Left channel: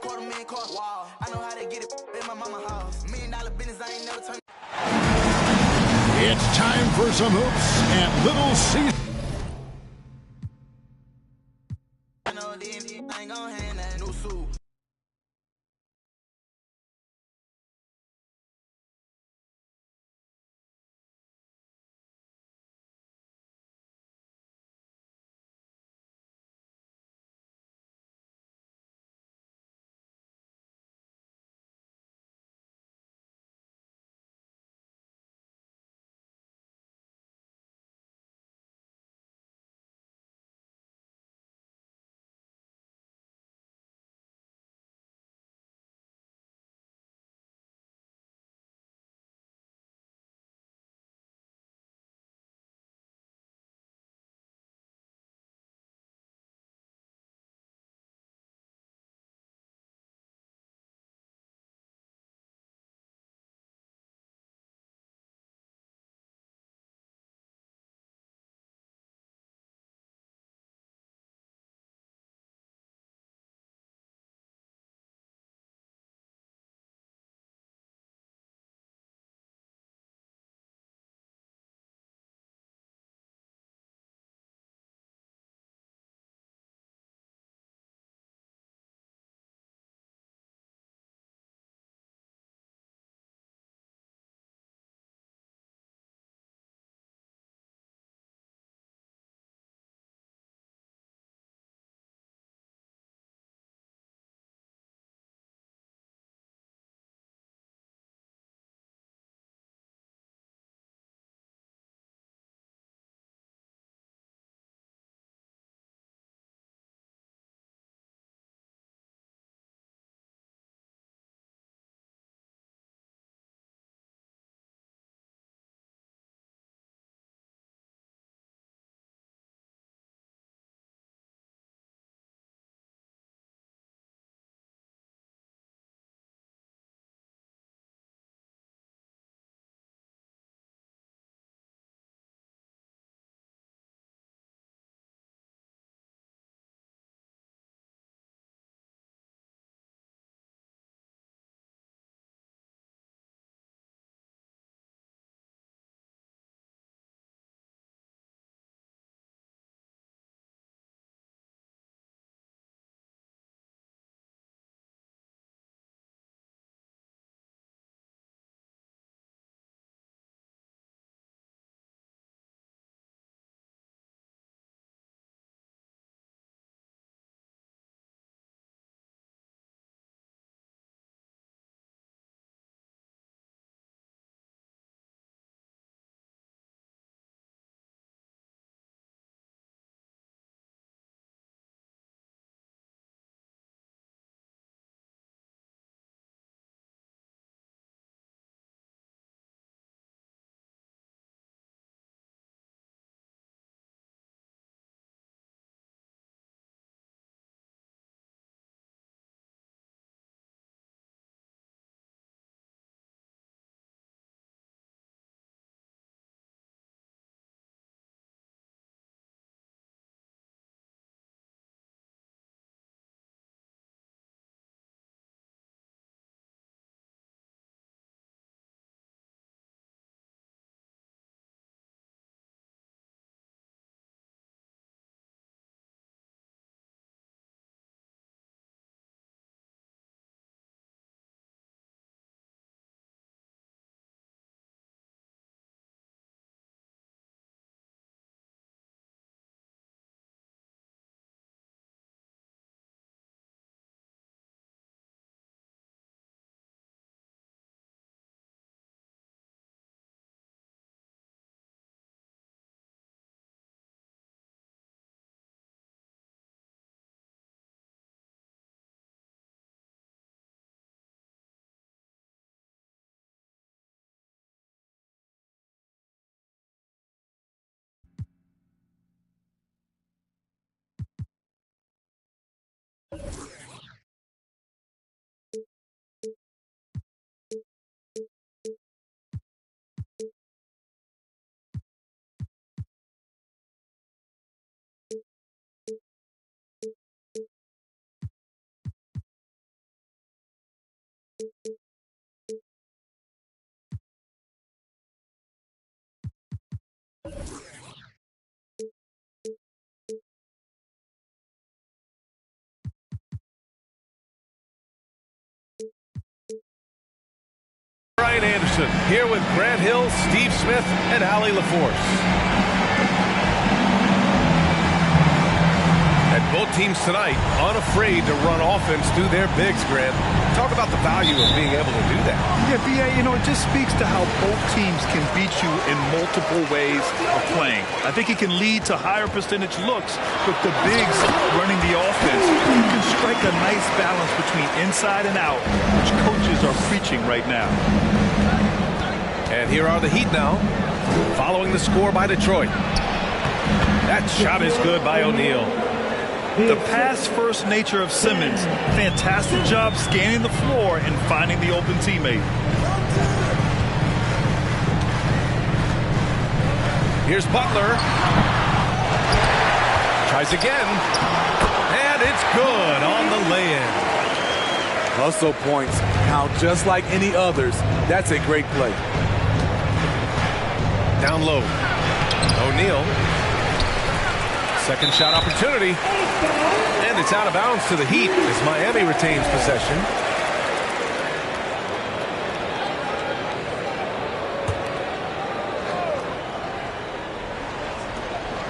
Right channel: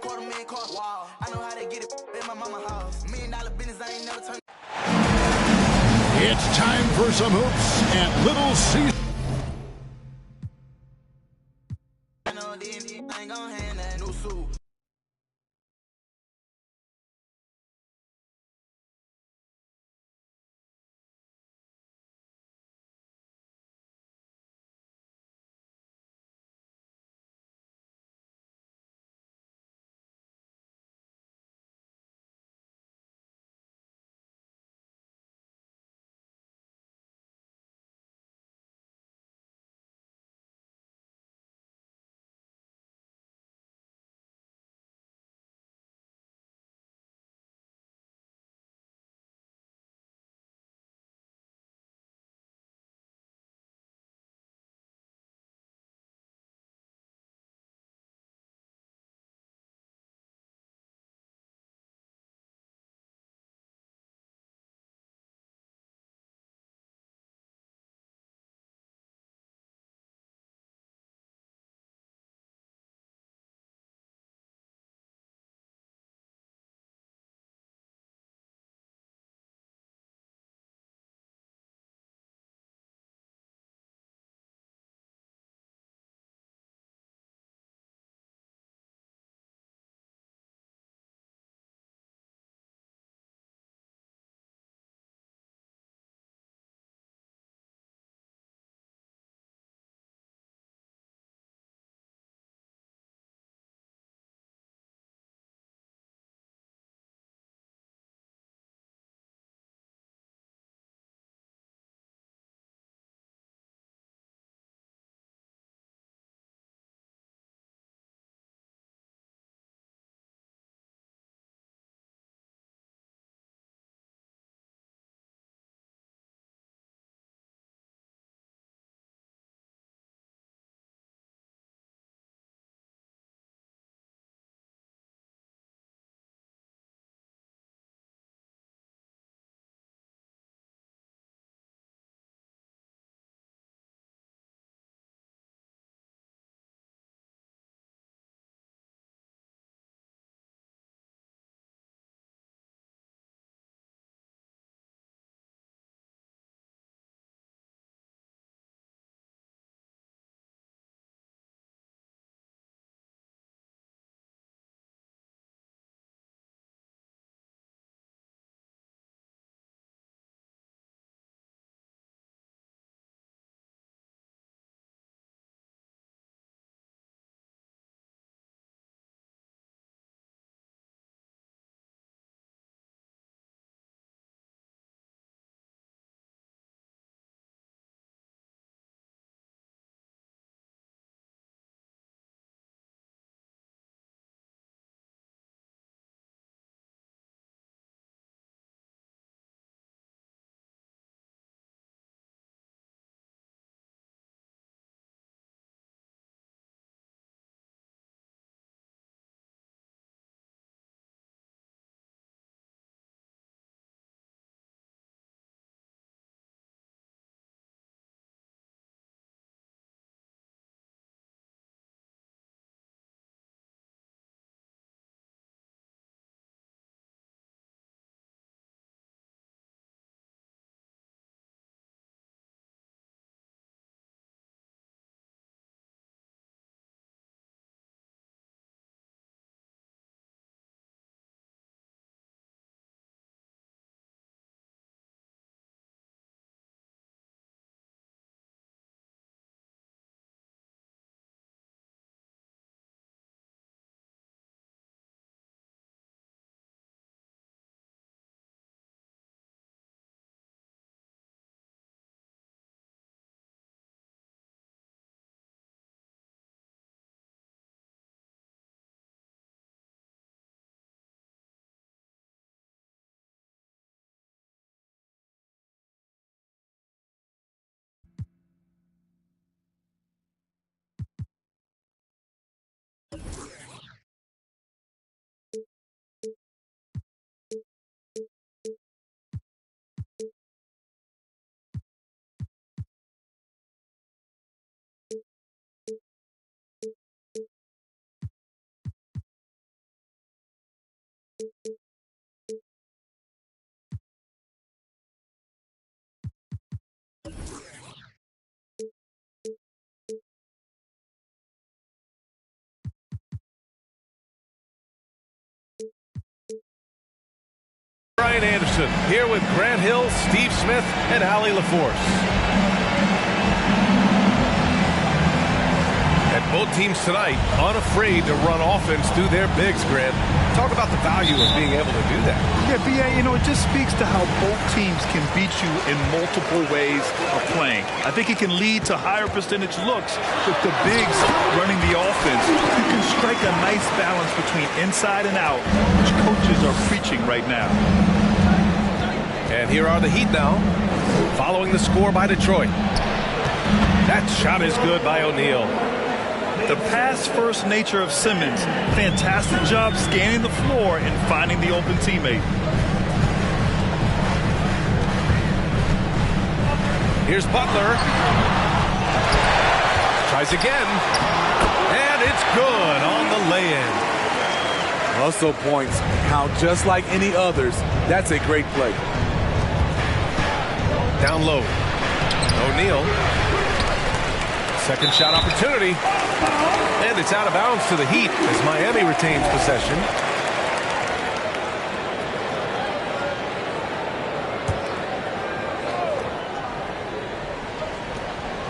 $250,000 car. Wow. I know how to get it in my mama house. $1 million business, I ain't never turned. It's time for some hoops at Little Caesars. I know the ain't gon' hand that new suit. Brian Anderson here with Grant Hill, Steve Smith, and Allie LaForce. And both teams tonight unafraid to run offense through their bigs, Grant. Talk about the value of being able to do that. Yeah, B.A., it just speaks to how both teams can beat you in multiple ways of playing. I think it can lead to higher percentage looks with the bigs running the offense. You can strike a nice balance between inside and out, which coaches are preaching right now. And here are the Heat now, following the score by Detroit. That shot is good by O'Neal. The pass-first nature of Simmons. Fantastic job scanning the floor and finding the open teammate. Here's Butler. Tries again. And it's good on the lay-in. Hustle points count just like any others. That's a great play. Down low. O'Neal. Second shot opportunity. And it's out of bounds to the Heat as Miami retains possession.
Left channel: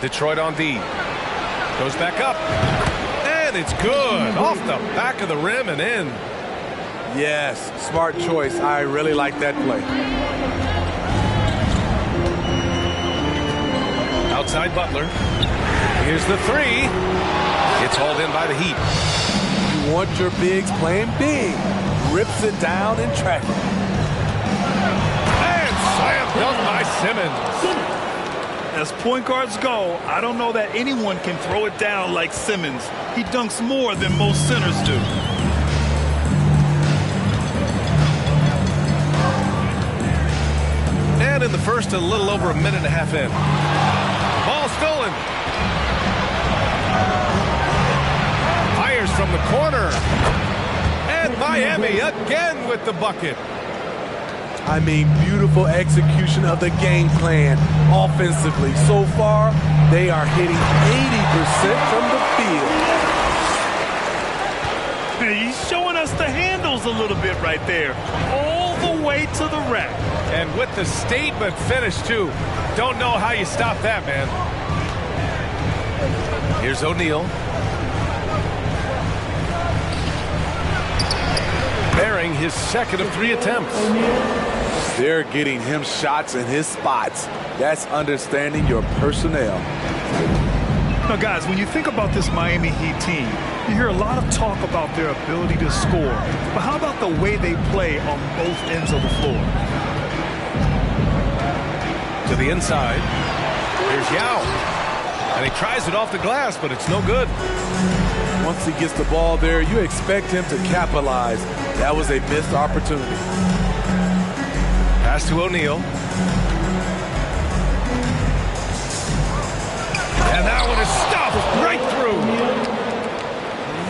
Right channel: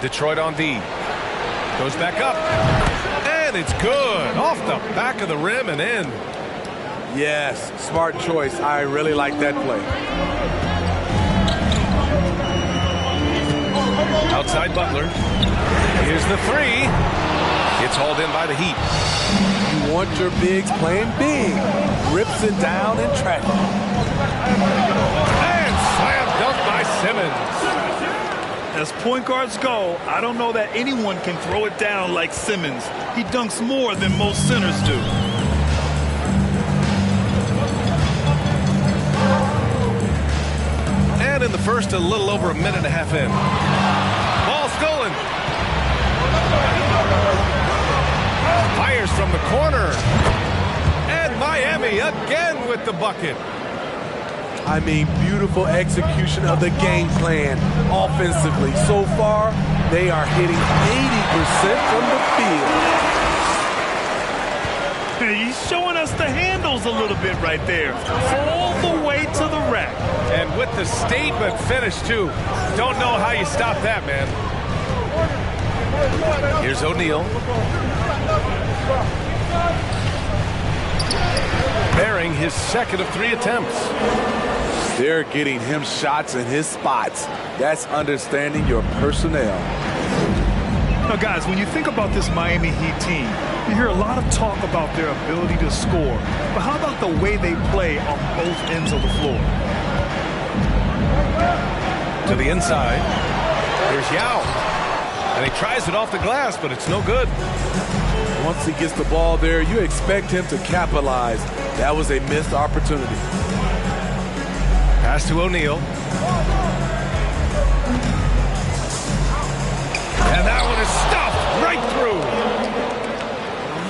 Detroit on D. Goes back up. And it's good. Off the back of the rim and in. Yes, smart choice. I really like that play. Outside Butler. Here's the three. It's hauled in by the Heat. You want your bigs playing big. Rips it down in traffic. And slam dunk by Simmons. As point guards go, I don't know that anyone can throw it down like Simmons. He dunks more than most centers do. And in the first, a little over a minute and a half in. Ball stolen. Fires from the corner. And Miami again with the bucket. I mean, beautiful execution of the game plan offensively. So far, they are hitting 80% from the field. He's showing us the handles a little bit right there. All the way to the rack. And with the statement finish, too. Don't know how you stop that, man. Here's O'Neal. Bearing his second of 3 attempts. They're getting him shots in his spots. That's understanding your personnel. Now, guys, when you think about this Miami Heat team, you hear a lot of talk about their ability to score. But how about the way they play on both ends of the floor? To the inside. Here's Yao. And he tries it off the glass, but it's no good. Once he gets the ball there, you expect him to capitalize. That was a missed opportunity. Pass to O'Neal. And that one is stuffed right through.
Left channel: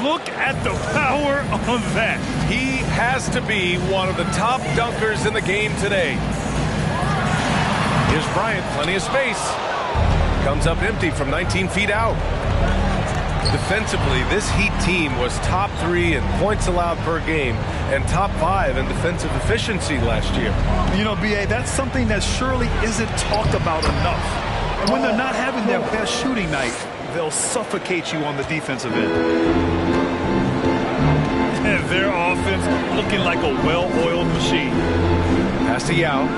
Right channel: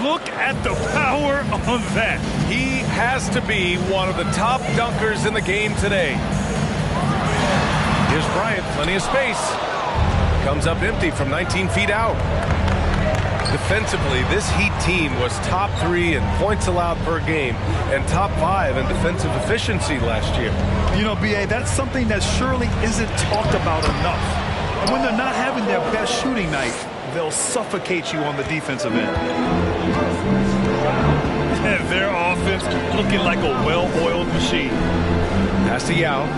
Look at the power on that. He has to be one of the top dunkers in the game today. Here's Bryant, plenty of space. Comes up empty from 19 feet out. Defensively, this Heat team was top 3 in points allowed per game and top 5 in defensive efficiency last year. You know, B.A., that's something that surely isn't talked about enough. And when they're not having their best shooting night, they'll suffocate you on the defensive end. And their offense looking like a well-oiled machine. Pass to Yao.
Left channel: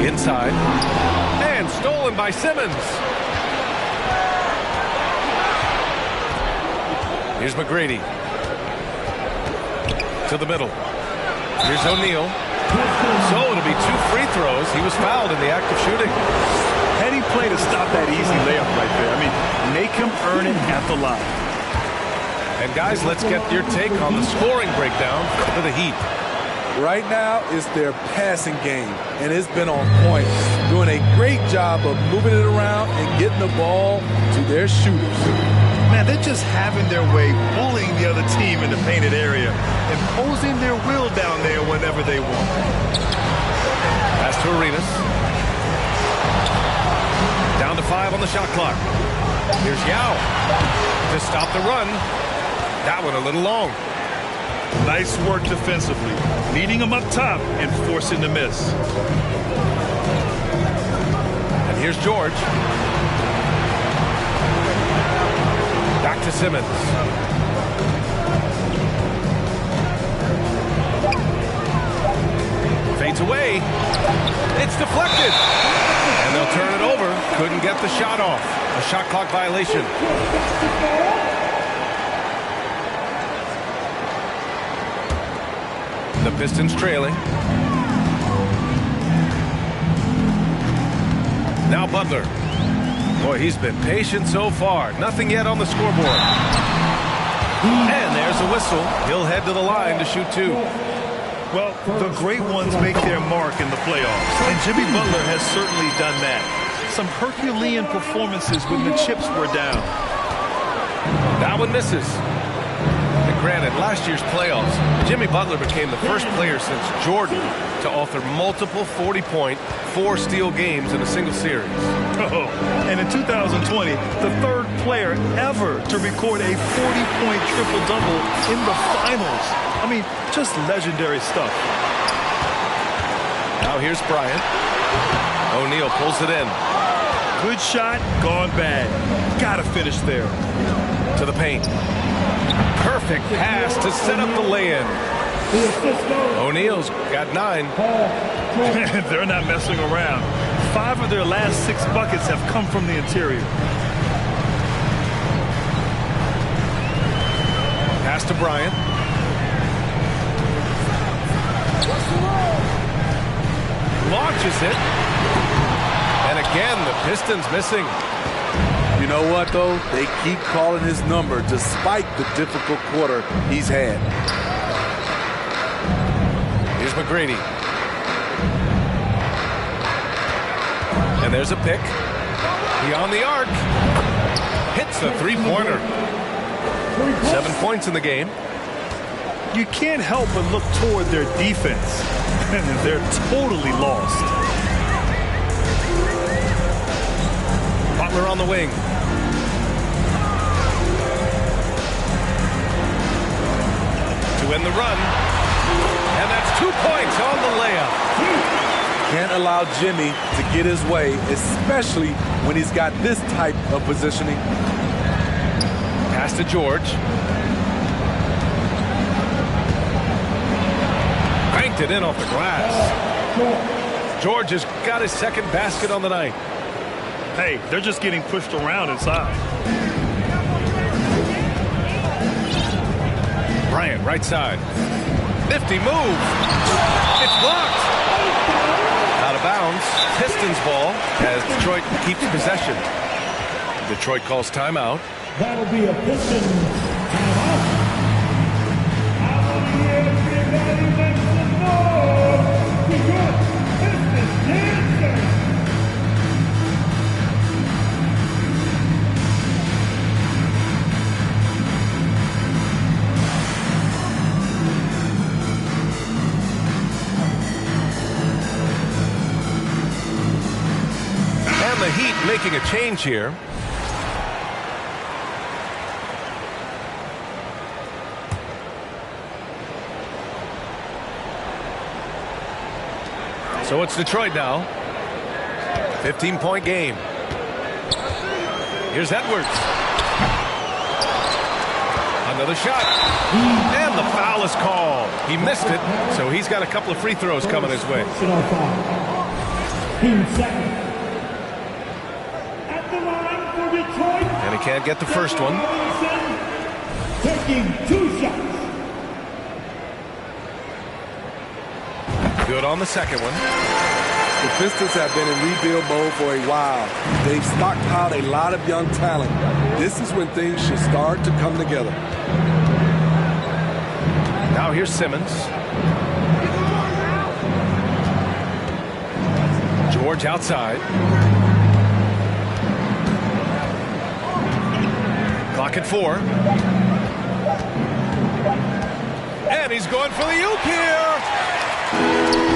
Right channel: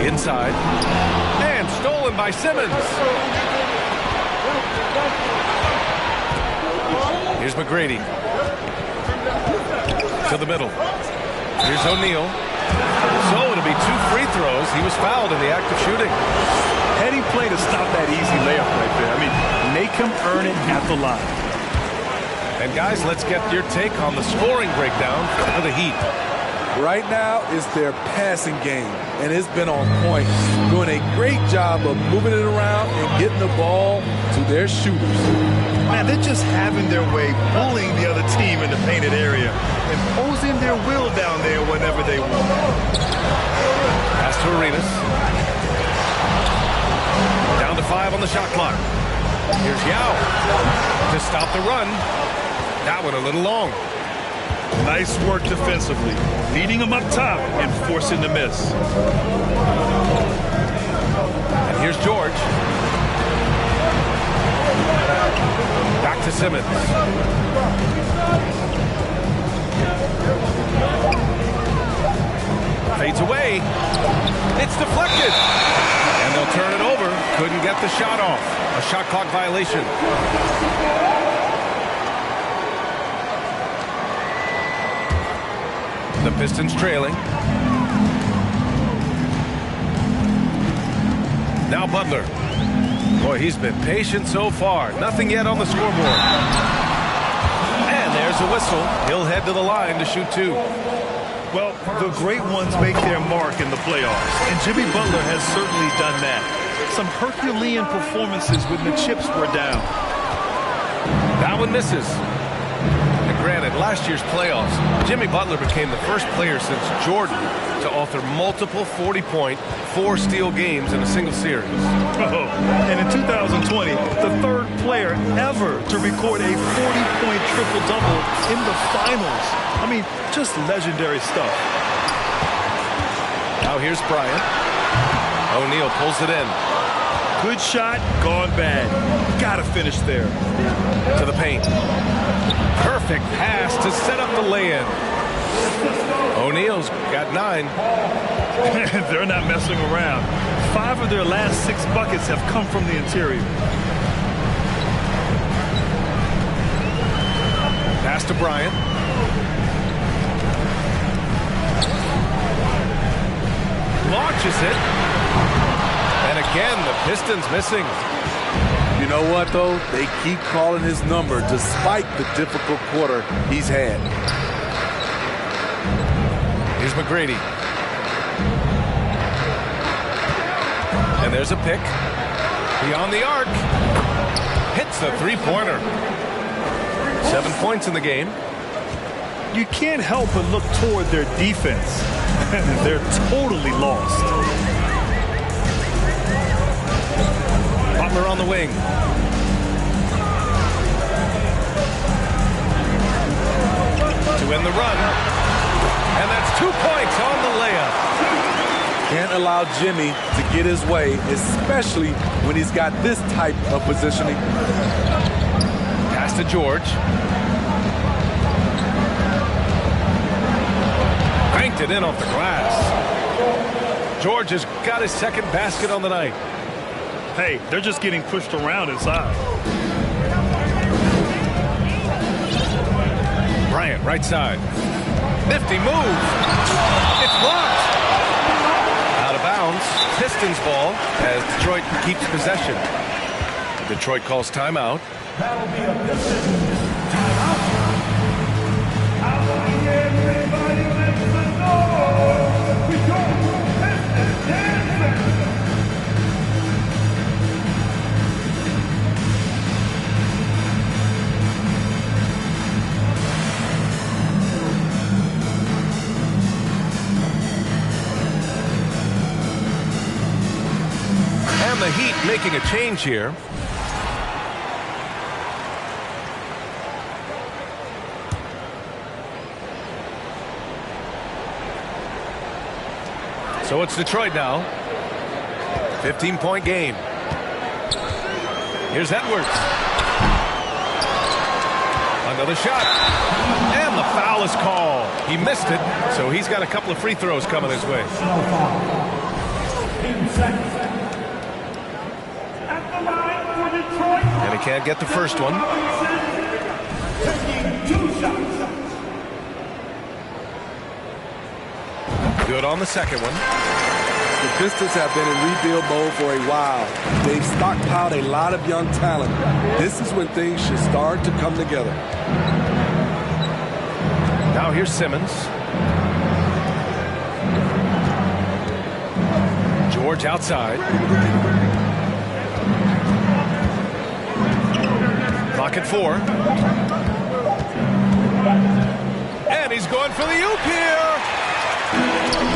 Inside. And stolen by Simmons. Here's McGrady. To the middle. Here's O'Neal. So it'll be 2 free throws. He was fouled in the act of shooting. Heady play to stop that easy layup right there. I mean, make him earn it at the line. And guys, let's get your take on the scoring breakdown for the Heat. Right now, it's their passing game, and it's been on point. Doing a great job of moving it around and getting the ball to their shooters. Man, they're just having their way, bullying the other team in the painted area, imposing their will down there whenever they want. Pass to Arenas. Down to 5 on the shot clock. Here's Yao to stop the run. That one a little long. Nice work defensively, meeting him up top and forcing the miss. And here's George. Back to Simmons. Fades away. It's deflected. And they'll turn it over. Couldn't get the shot off. A shot clock violation. The Pistons trailing. Now Butler. Boy, he's been patient so far. Nothing yet on the scoreboard. And there's a whistle. He'll head to the line to shoot two. Well, the great ones make their mark in the playoffs, and Jimmy Butler has certainly done that. Some Herculean performances when the chips were down. That one misses. And granted, last year's playoffs, Jimmy Butler became the first player since Jordan to author multiple 40-point, 4-steal games in a single series. Oh, and in 2020, the third player ever to record a 40-point triple-double in the finals. I mean, just legendary stuff. Now here's Bryant. O'Neal pulls it in. Good shot, gone bad. Gotta finish there. To the paint. Perfect pass to set up the lay-in. O'Neal's got 9. They're not messing around. 5 of their last 6 buckets have come from the interior. Pass to Bryant. Launches it. And again, the Pistons missing. You know what, though? They keep calling his number despite the difficult quarter he's had. Here's McGrady. And there's a pick. Beyond the arc. Hits the three-pointer. 7 points in the game. You can't help but look toward their defense. They're totally lost. Butler on the wing. To end the run. And that's 2 points on the layup. Can't allow Jimmy to get his way, especially when he's got this type of positioning. Pass to George. Banked it in off the glass. George has got his second basket on the night. Hey, they're just getting pushed around inside. Bryant, right side. Nifty move. It's blocked. Out of bounds. Pistons ball as Detroit keeps possession. Detroit calls timeout. That'll be a Pistons timeout. I want to hear everybody make some noise. Detroit Pistons dancing. And the Heat making a change here. So it's Detroit now. 15-point game. Here's Edwards. Another shot. And the foul is called. He missed it, so he's got a couple of free throws coming his way. Sit on foul. Team second. At the line for Detroit. And he can't get the first one. Taking 2 shots. Good on the second one. The Pistons have been in rebuild mode for a while. They've stockpiled a lot of young talent. This is when things should start to come together. Now here's Simmons. George outside. Clock at 4. And he's going for the oop here.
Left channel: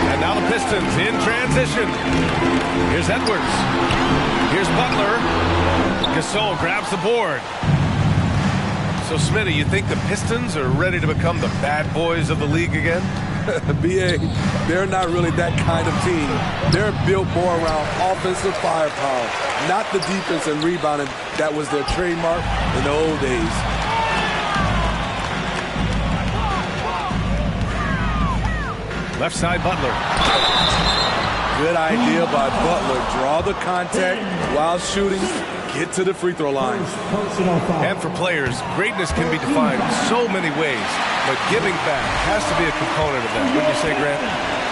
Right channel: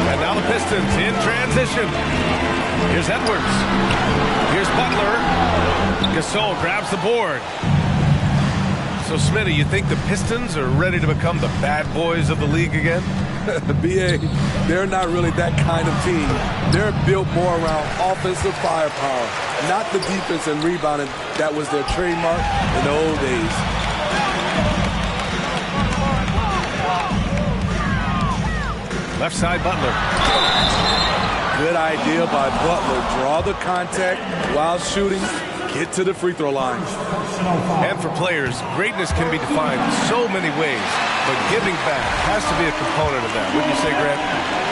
And now the Pistons in transition. Here's Edwards. Here's Butler. Gasol grabs the board. So, Smitty, you think the Pistons are ready to become the bad boys of the league again? BA, they're not really that kind of team. They're built more around offensive firepower, not the defense and rebounding that was their trademark in the old days. Left side, Butler. Good idea by Butler. Draw the contact while shooting. Get to the free throw line. And for players, greatness can be defined so many ways, but giving back has to be a component of that. Wouldn't you say, Grant?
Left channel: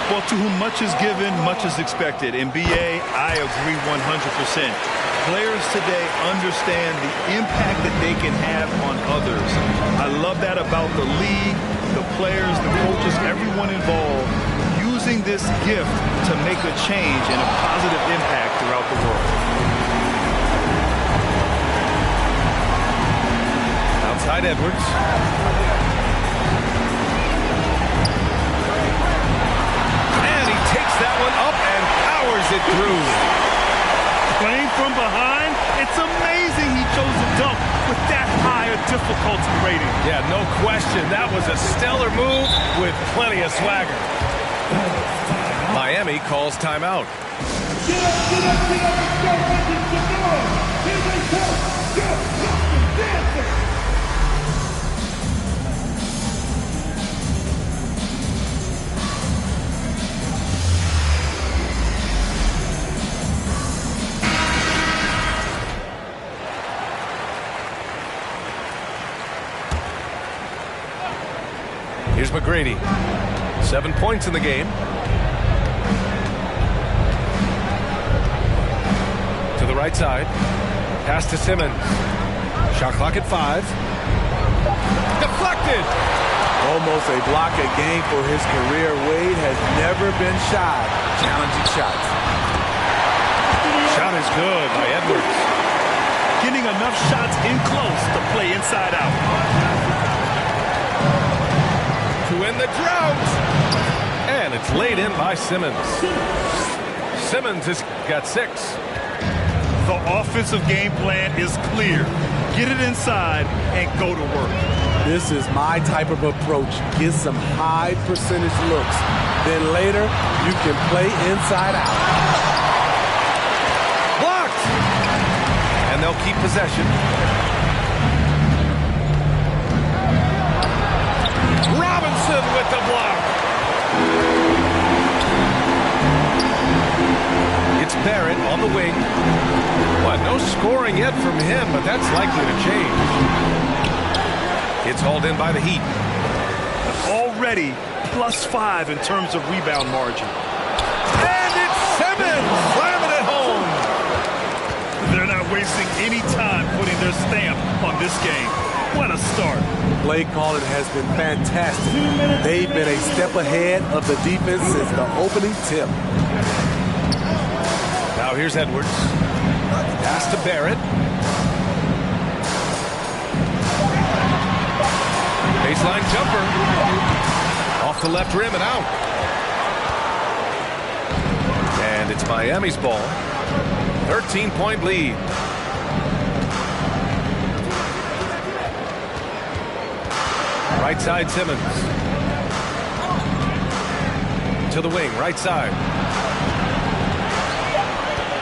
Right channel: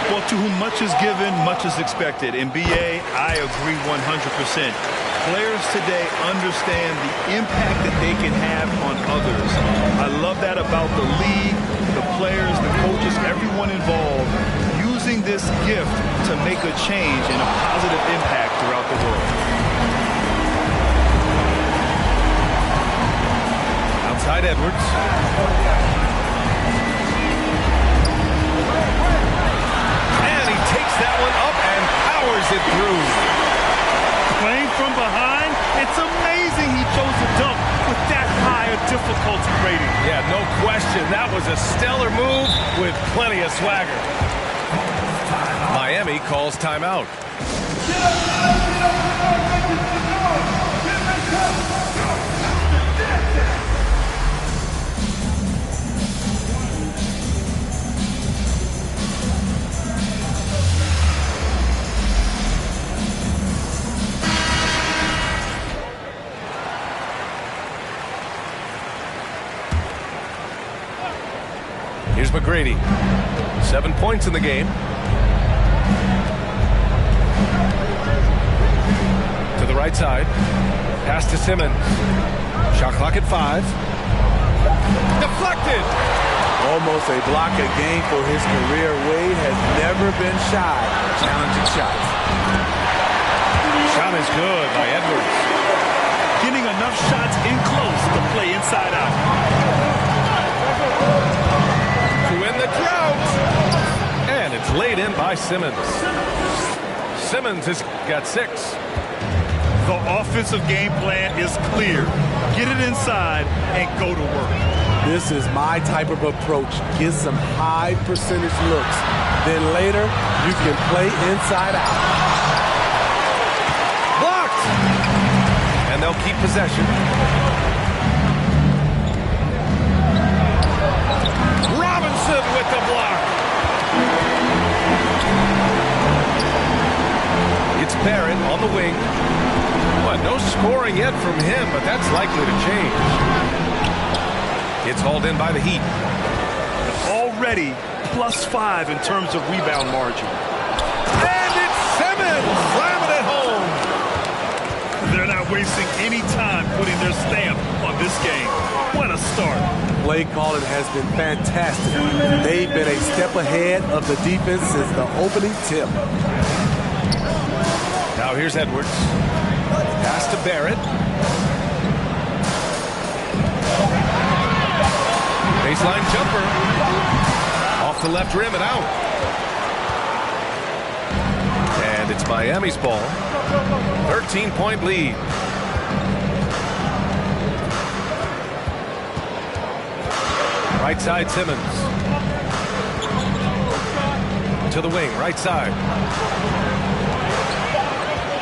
Well, to whom much is given, much is expected. In BA, I agree 100%. Players today understand the impact that they can have on others. I love that about the league, the players, the coaches, everyone involved, using this gift to make a change and a positive impact throughout the world. Outside Edwards. And he takes that one up and powers it through. Playing from behind, it's amazing he chose to dunk with that higher difficulty rating. Yeah, no question. That was a stellar move with plenty of swagger. Miami calls timeout. Get up, get up, get up, and start making some noise. Here they come. Go, let's dance. Here's McGrady. 7 points in the game. To the right side. Pass to Simmons. Shot clock at 5. Deflected. Almost a block a game for his career. Wade has never been shy challenging shots. Shot is good by Edwards. Getting enough shots in close to play inside out. To end the drought. And it's laid in by Simmons. Simmons has got 6. The offensive game plan is clear. Get it inside and go to work. This is my type of approach. Get some high percentage looks. Then later, you can play inside out. Blocked. And they'll keep possession. Robinson with the block. It's Barrett on the wing. What, no scoring yet from him, but that's likely to change. It's hauled in by the Heat. Already +5 in terms of rebound margin. And it's Simmons slamming it home. They're not wasting any time putting their stamp on this game. What a start. Play calling has been fantastic. They've been a step ahead of the defense since the opening tip. Now here's Edwards. Pass to Barrett. Baseline jumper. Off the left rim and out. And it's Miami's ball. 13-point lead. Right side, Simmons. To the wing, right side.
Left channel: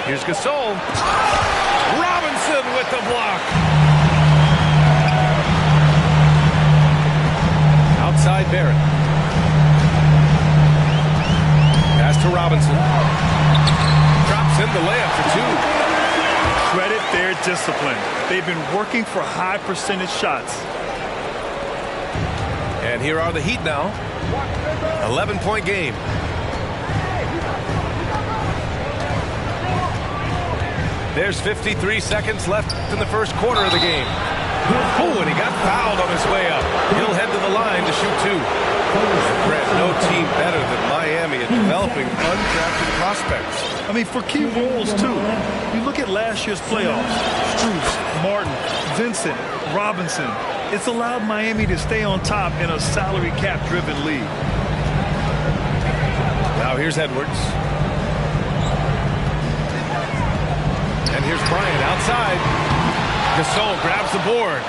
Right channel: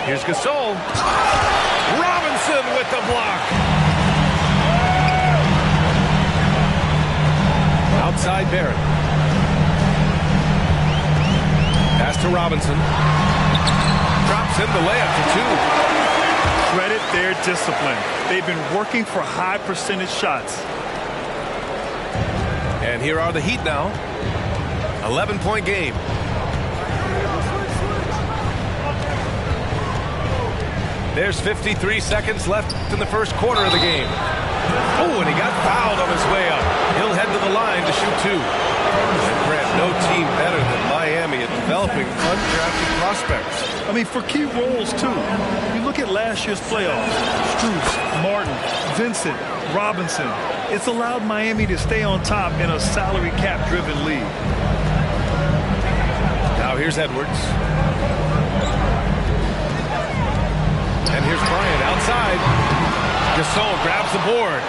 Here's Gasol. Robinson with the block. Outside Barrett. Pass to Robinson. Drops in the layup for 2. Credit their discipline. They've been working for high percentage shots. And here are the Heat now. 11-point game. There's 53 seconds left in the first quarter of the game. Oh, and he got fouled on his way up. He'll head to the line to shoot 2. And Grant, no team better than Miami at developing undrafted prospects. I mean, for key roles, too. You look at last year's playoffs. Strus, Martin, Vincent, Robinson. It's allowed Miami to stay on top in a salary cap-driven league. Now here's Edwards. And here's Bryant outside. Gasol grabs the board.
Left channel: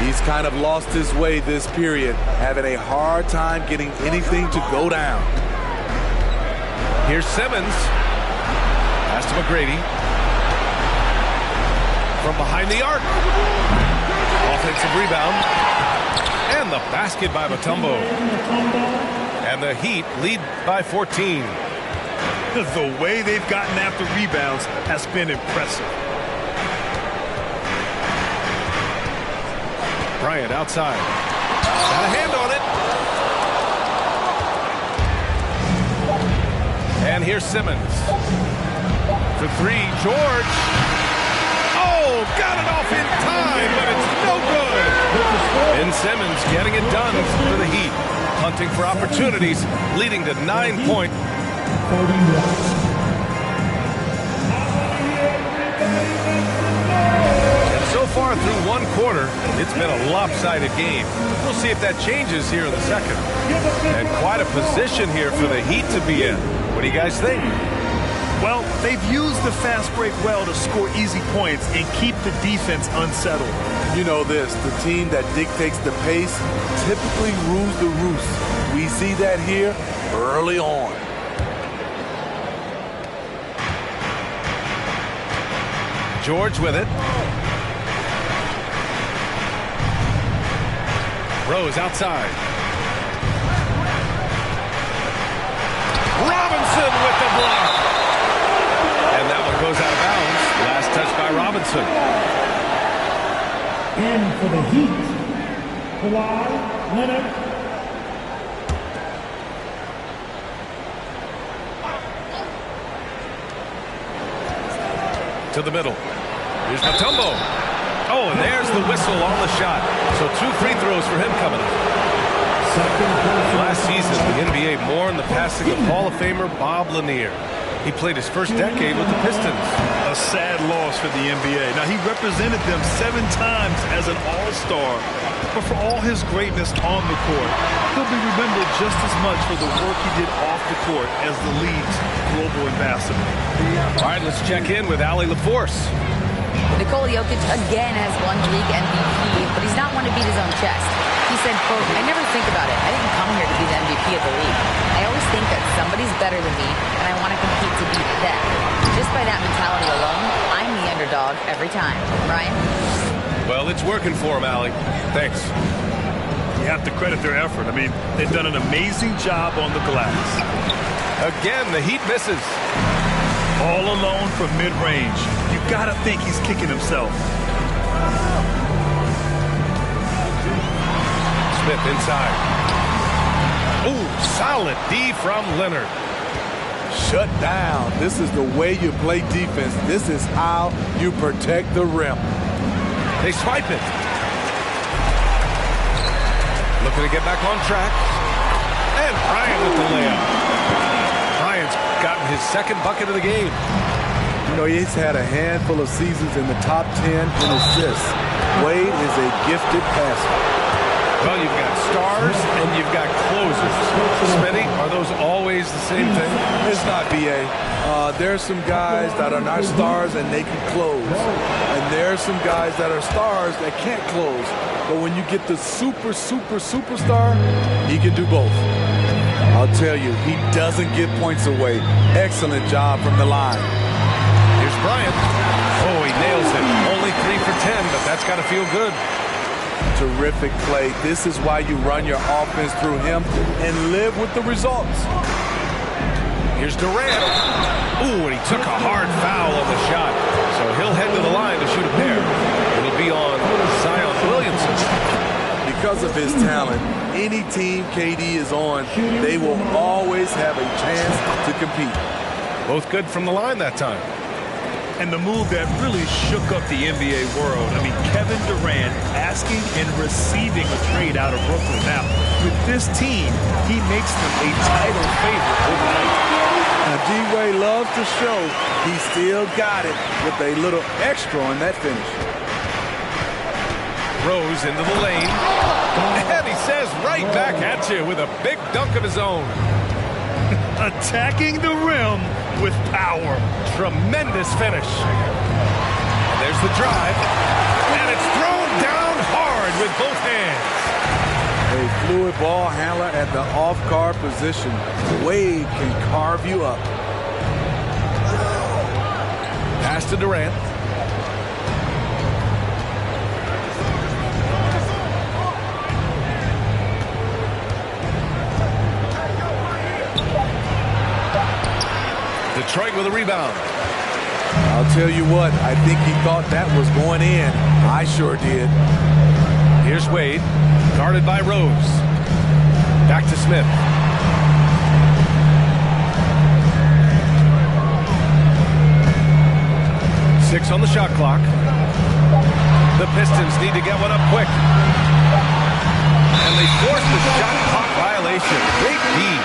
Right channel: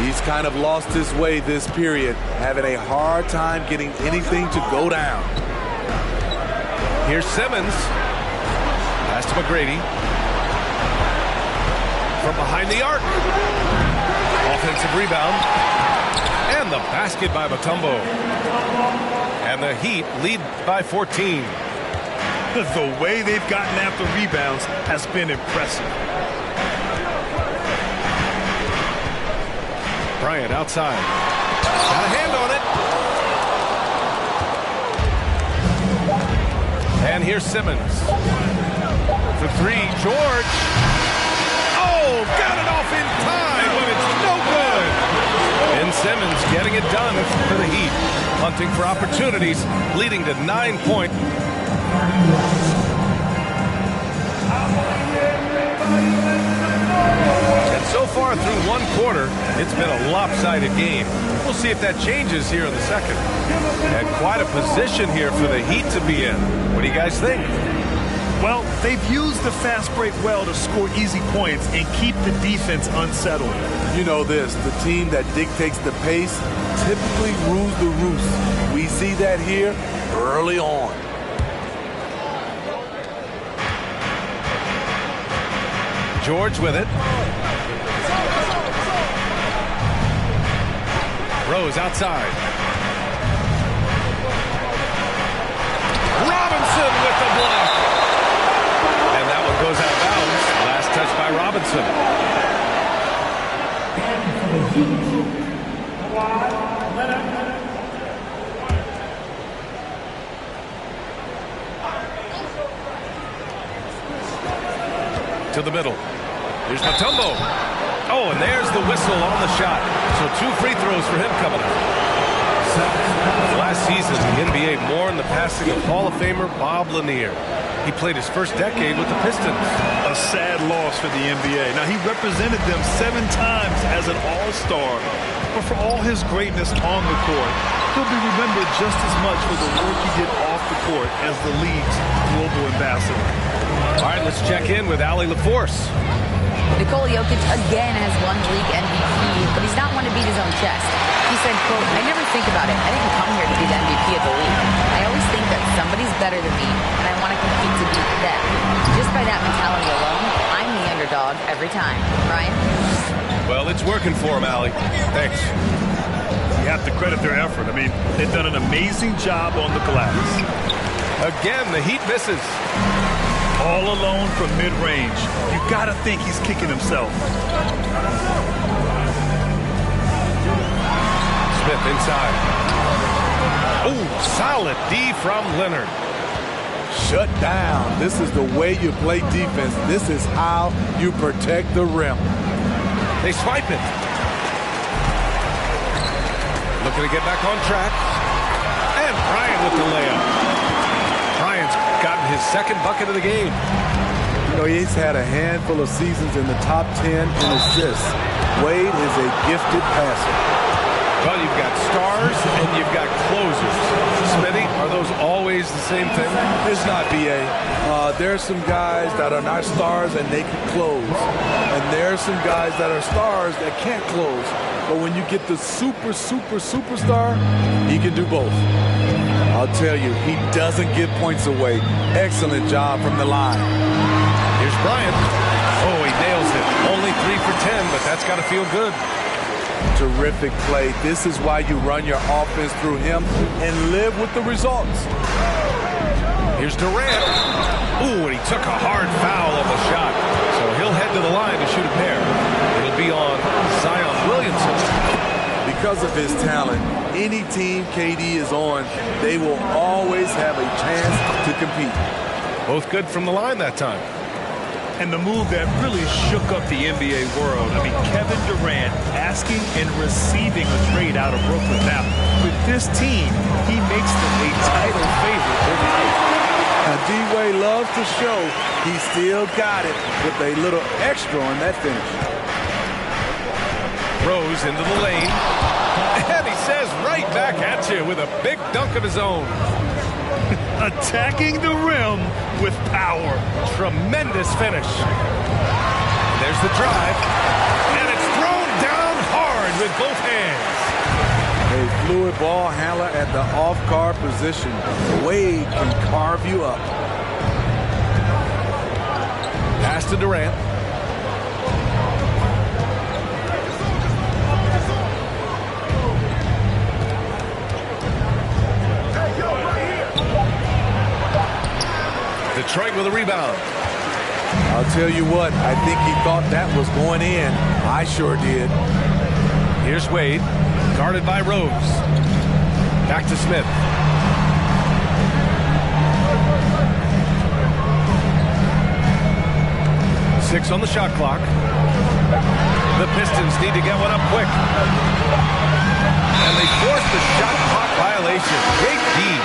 He's kind of lost his way this period, having a hard time getting anything to go down. Here's Simmons. Pass to McGrady. From behind the arc. Offensive rebound. And the basket by Mutombo. And the Heat lead by 14. The way they've gotten after rebounds has been impressive. Bryant outside. Got a hand on it. And here's Simmons. For three, George. Oh, got it off in time, but it's no good. Ben Simmons getting it done for the Heat. Hunting for opportunities, leading to 9-point. And so far through one quarter, it's been a lopsided game. We'll see if that changes here in the second. And quite a position here for the Heat to be in. What do you guys think? Well, they've used the fast break well to score easy points and keep the defense unsettled. You know this, the team that dictates the pace typically rules the roost. We see that here early on. George with it. Rose outside. Robinson with the block. And that one goes out of bounds. Last touch by Robinson. And for the Heat, Kawhi Leonard. To the middle. Here's Mutombo. Oh, and there's the whistle on the shot. So 2 free throws for him coming up. Last season, the NBA mourned the passing of Hall of Famer Bob Lanier. He played his first decade with the Pistons. A sad loss for the NBA. Now, he represented them 7 times as an all-star. But for all his greatness on the court, he'll be remembered just as much for the work he did off the court as the league's global ambassador. All right, let's check in with Allie LaForce. Nikola Jokic again has won the league MVP, but he's not one to beat his own chest. He said, quote, "I never think about it. I didn't come here to be the MVP of the league. I always think that somebody's better than me, and I want to compete to beat them. Just by that mentality alone, I'm the underdog every time." Ryan? Well, it's working for him, Allie. Thanks. You have to credit their effort. I mean, they've done an amazing job on the glass. Again, the Heat misses. All alone from mid-range. You got to think he's kicking himself. Smith inside. Ooh, solid D from Leonard. Shut down. This is the way you play defense. This is how you protect the rim. They swipe it. Looking to get back on track. And Bryant with the layup. Bryant's gotten his second bucket of the game. You know, he's had a handful of seasons in the top 10 in assists. Wade is a gifted passer. Well, you've got stars and you've got closers. Smitty, are those always the same thing? It's not, B.A. There's some guys that are not stars and they can close. And there's some guys that are stars that can't close. But when you get the superstar, he can do both. I'll tell you, he doesn't give points away. Excellent job from the line. Here's Bryant. Oh, he nails it. Only 3 for 10, but that's got to feel good. Terrific play. This is why you run your offense through him and live with the results. Here's Durant. Ooh, and he took a hard foul on the shot. So he'll head to the line to shoot a pair. It'll be on Zion Williamson. Because of his talent, any team KD is on, they will always have a chance to compete. Both good from the line that time. And the move that really shook up the NBA world. I mean, Kevin Durant asking and receiving a trade out of Brooklyn. Now, with this team, he makes them a title favorite overnight. Now, D-Wade loves to show he still got it with a little extra on that finish. Rose into the lane. And he says right back at you with a big dunk of his own. Attacking the rim with power. Tremendous finish. And there's the drive. And it's thrown down hard with both hands. A fluid ball handler at the off-guard position. Wade can carve you up. Pass to Durant. Detroit with a rebound. I'll tell you what, I think he thought that was going in. I sure did. Here's Wade, guarded by Rose. Back to Smith. Six on the shot clock. The Pistons need to get one up quick. And they force the shot clock violation. Great D.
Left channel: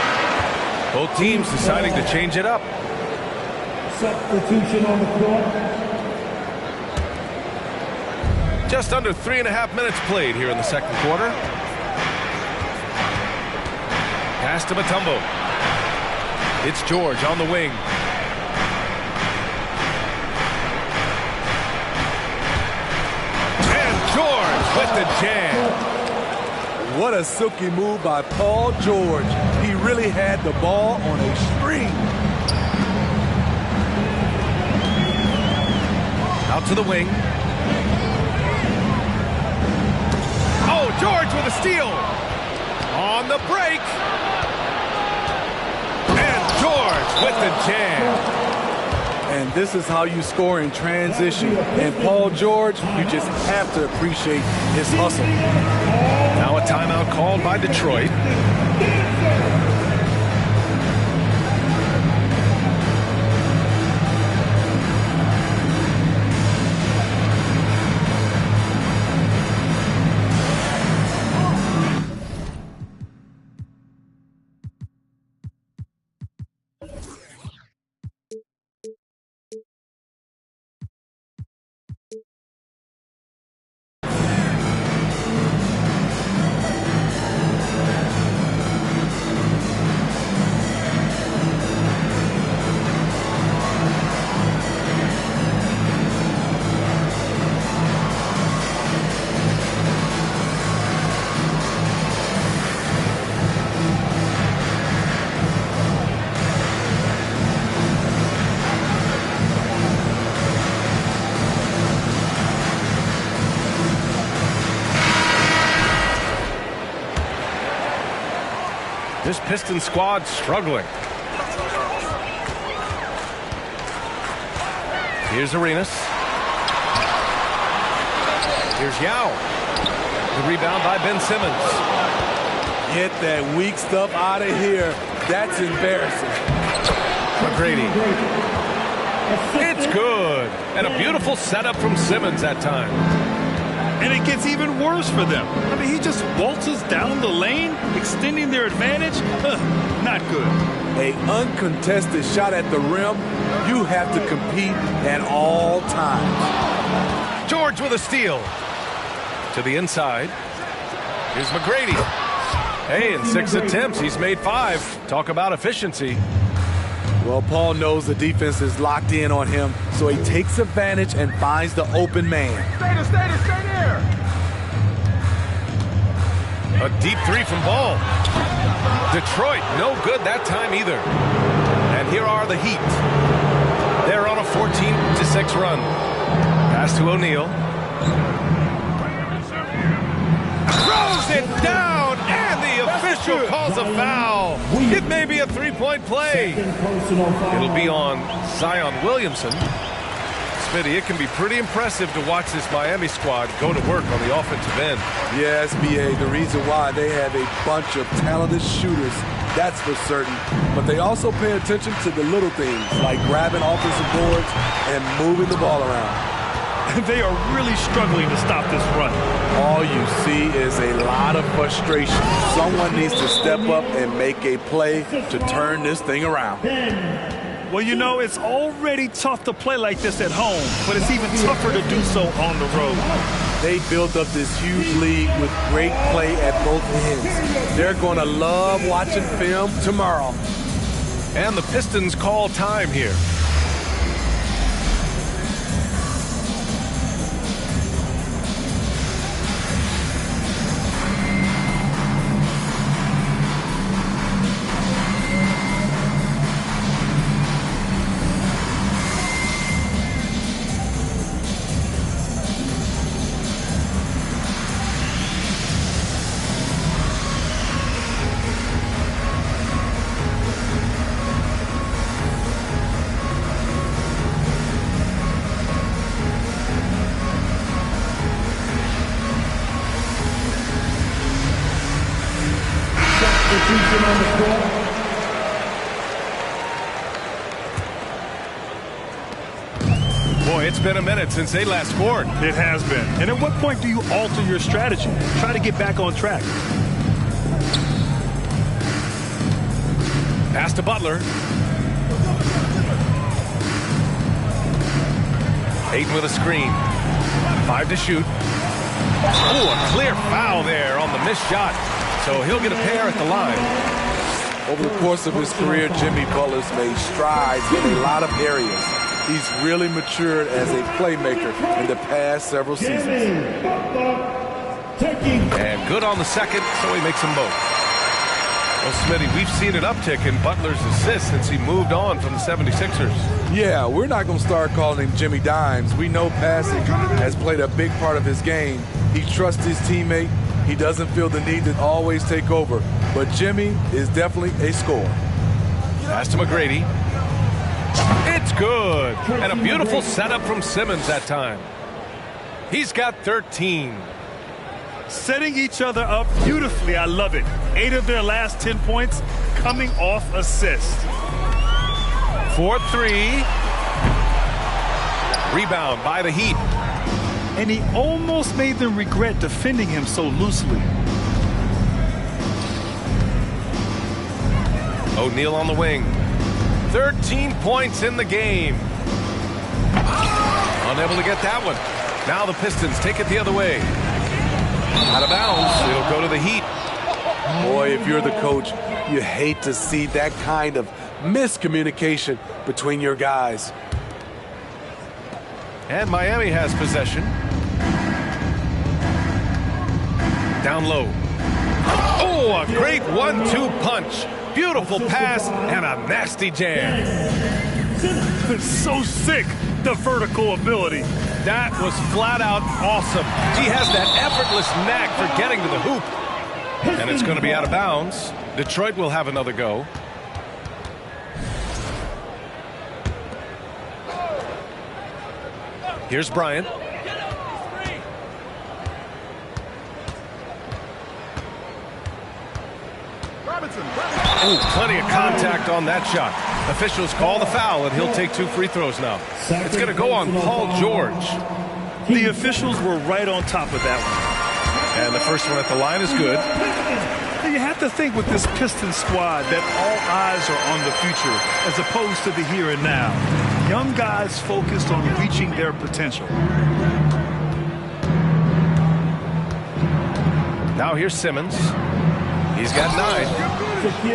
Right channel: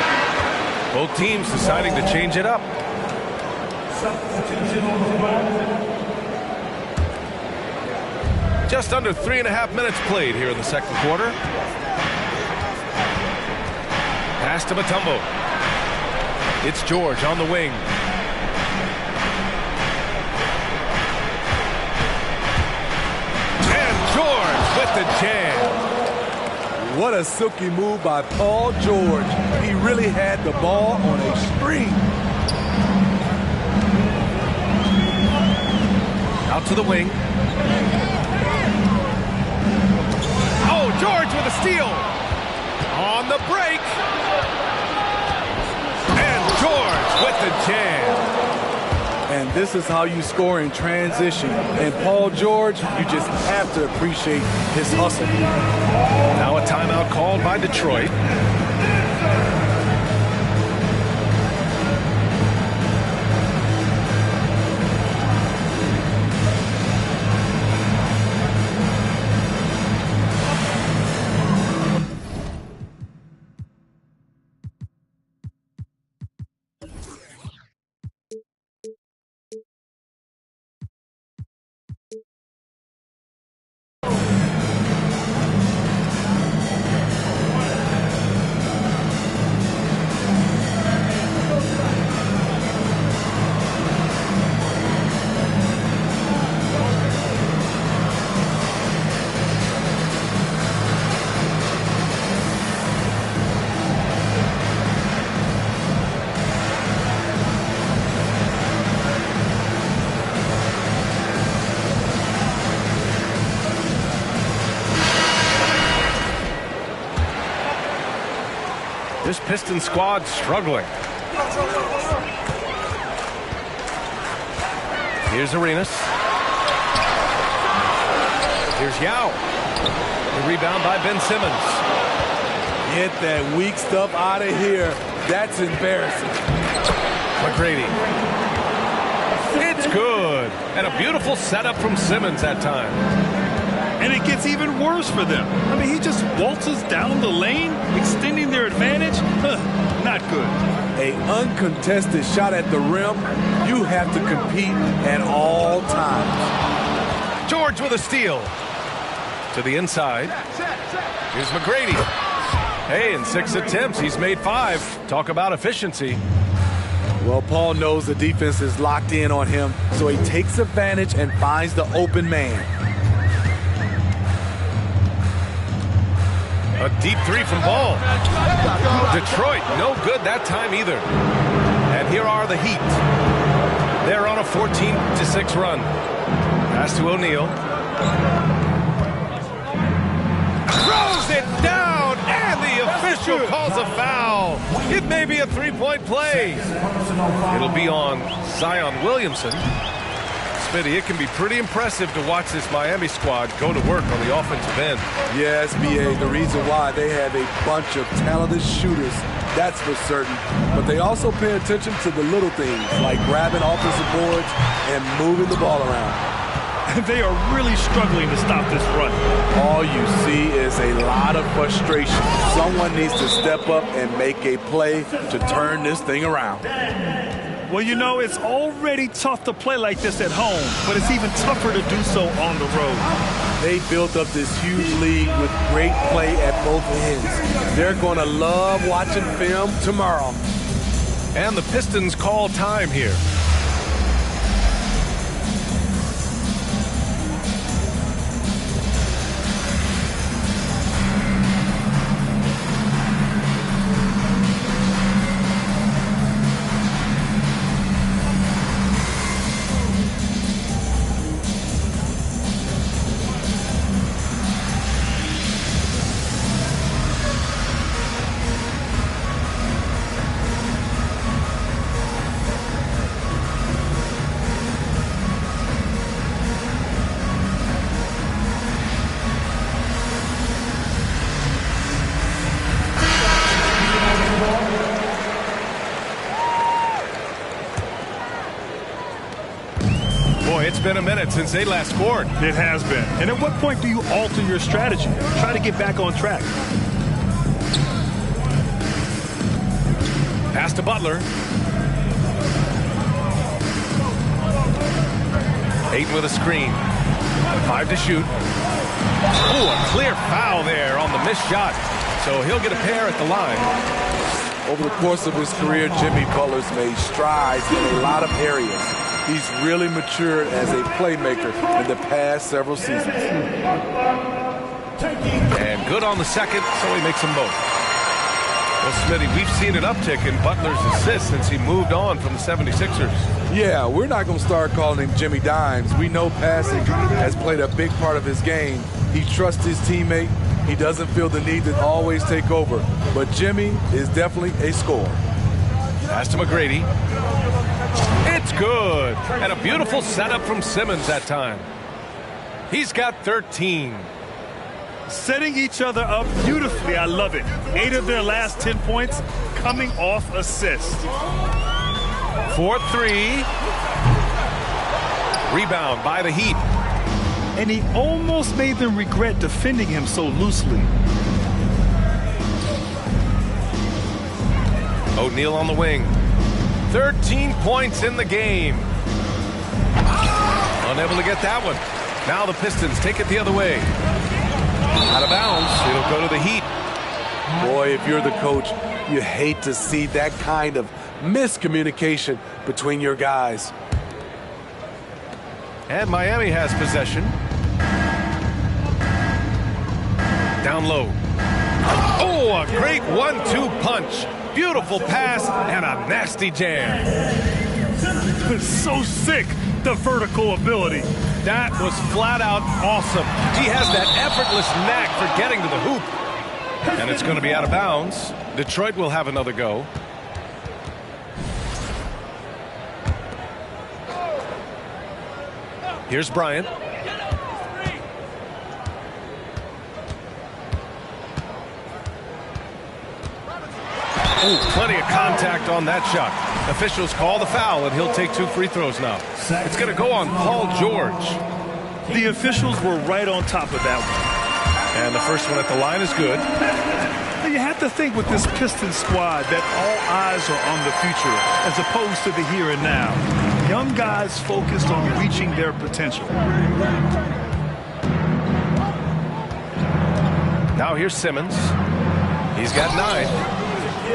Both teams deciding to change it up. Substitution on the floor. Just under 3.5 minutes played here in the second quarter. Pass to Mutombo. It's George on the wing. And George with the jam. What a silky move by Paul George. He really had the ball on a string. Out to the wing. Oh, George with a steal. On the break. And George with the jam. And this is how you score in transition. And Paul George, you just have to appreciate his hustle. Now a timeout called by Detroit. This Pistons squad struggling. Here's Arenas. Here's Yao. The rebound by Ben Simmons. Get that weak stuff out of here. That's embarrassing. McGrady. It's good. And a beautiful setup from Simmons that time. And it gets even worse for them. I mean, he just waltzes down the lane, extending their advantage. Not good. An uncontested shot at the rim, you have to compete at all times. George with a steal. To the inside. Here's McGrady. Hey, in 6 attempts, he's made 5. Talk about efficiency. Well, Paul knows the defense is locked in on him, so he takes advantage and finds the open man. A deep 3 from Ball. Detroit, no good that time either. And here are the Heat. They're on a 14-6 run. Pass to O'Neal. Throws it down, and the official calls a foul. It may be a 3-point play. It'll be on Zion Williamson. Smitty, it can be pretty impressive to watch this Miami squad go to work on the offensive end. Yes, B.A., the reason why they have a bunch of talented shooters, that's for certain. But they also pay attention to the little things, like grabbing offensive boards and moving the ball around. They are really struggling to stop this run. All you see is a lot of frustration. Someone needs to step up and make a play to turn this thing around. Well, you know, it's already tough to play like this at home, but it's even tougher to do so on the road. They built up this huge lead with great play at both ends. They're going to love watching film tomorrow. And the Pistons call time here. on the court. Boy, it's been a minute since they last scored. It has been. And at what point do you alter your strategy? Try to get back on track. Pass to Butler. Ayton with a screen. 5 to shoot. Oh, a clear foul there on the missed shot. So he'll get a pair at the line. Over the course of his career, Jimmy Butler's made strides in a lot of areas. He's really matured as a playmaker in the past several seasons. And good on the second, so he makes them both. Well, Smitty, we've seen an uptick in Butler's assists since he moved on from the 76ers. Yeah, we're not going to start calling him Jimmy Dimes. We know passing has played a big part of his game. He trusts his teammate. He doesn't feel the need to always take over. But Jimmy is definitely a scorer. Pass to McGrady. It's good. And a beautiful setup from Simmons that time. He's got 13. Setting each other up beautifully. I love it. 8 of their last 10 points coming off assist. 4-3. Rebound by the Heat. And he almost made them regret defending him so loosely. O'Neal on the wing. 13 points in the game. Unable to get that one. Now the Pistons take it the other way. Out of bounds. It'll go to the Heat. Boy, if you're the coach, you hate to see that kind of miscommunication between your guys. And Miami has possession. Down low. Oh, a great 1-2 punch. Beautiful pass and a nasty jam. So sick, the vertical ability. That was flat out awesome. He has that effortless knack for getting to the hoop. And it's going to be out of bounds. Detroit will have another go. Here's Bryant. Oh, plenty of contact on that shot. Officials call the foul, and he'll take 2 free throws now. It's going to go on Paul George. The officials were right on top of that one. And the first one at the line is good. You have to think with this Pistons squad that all eyes are on the future as opposed to the here and now. Young guys focused on reaching their potential. Now here's Simmons. He's got 9.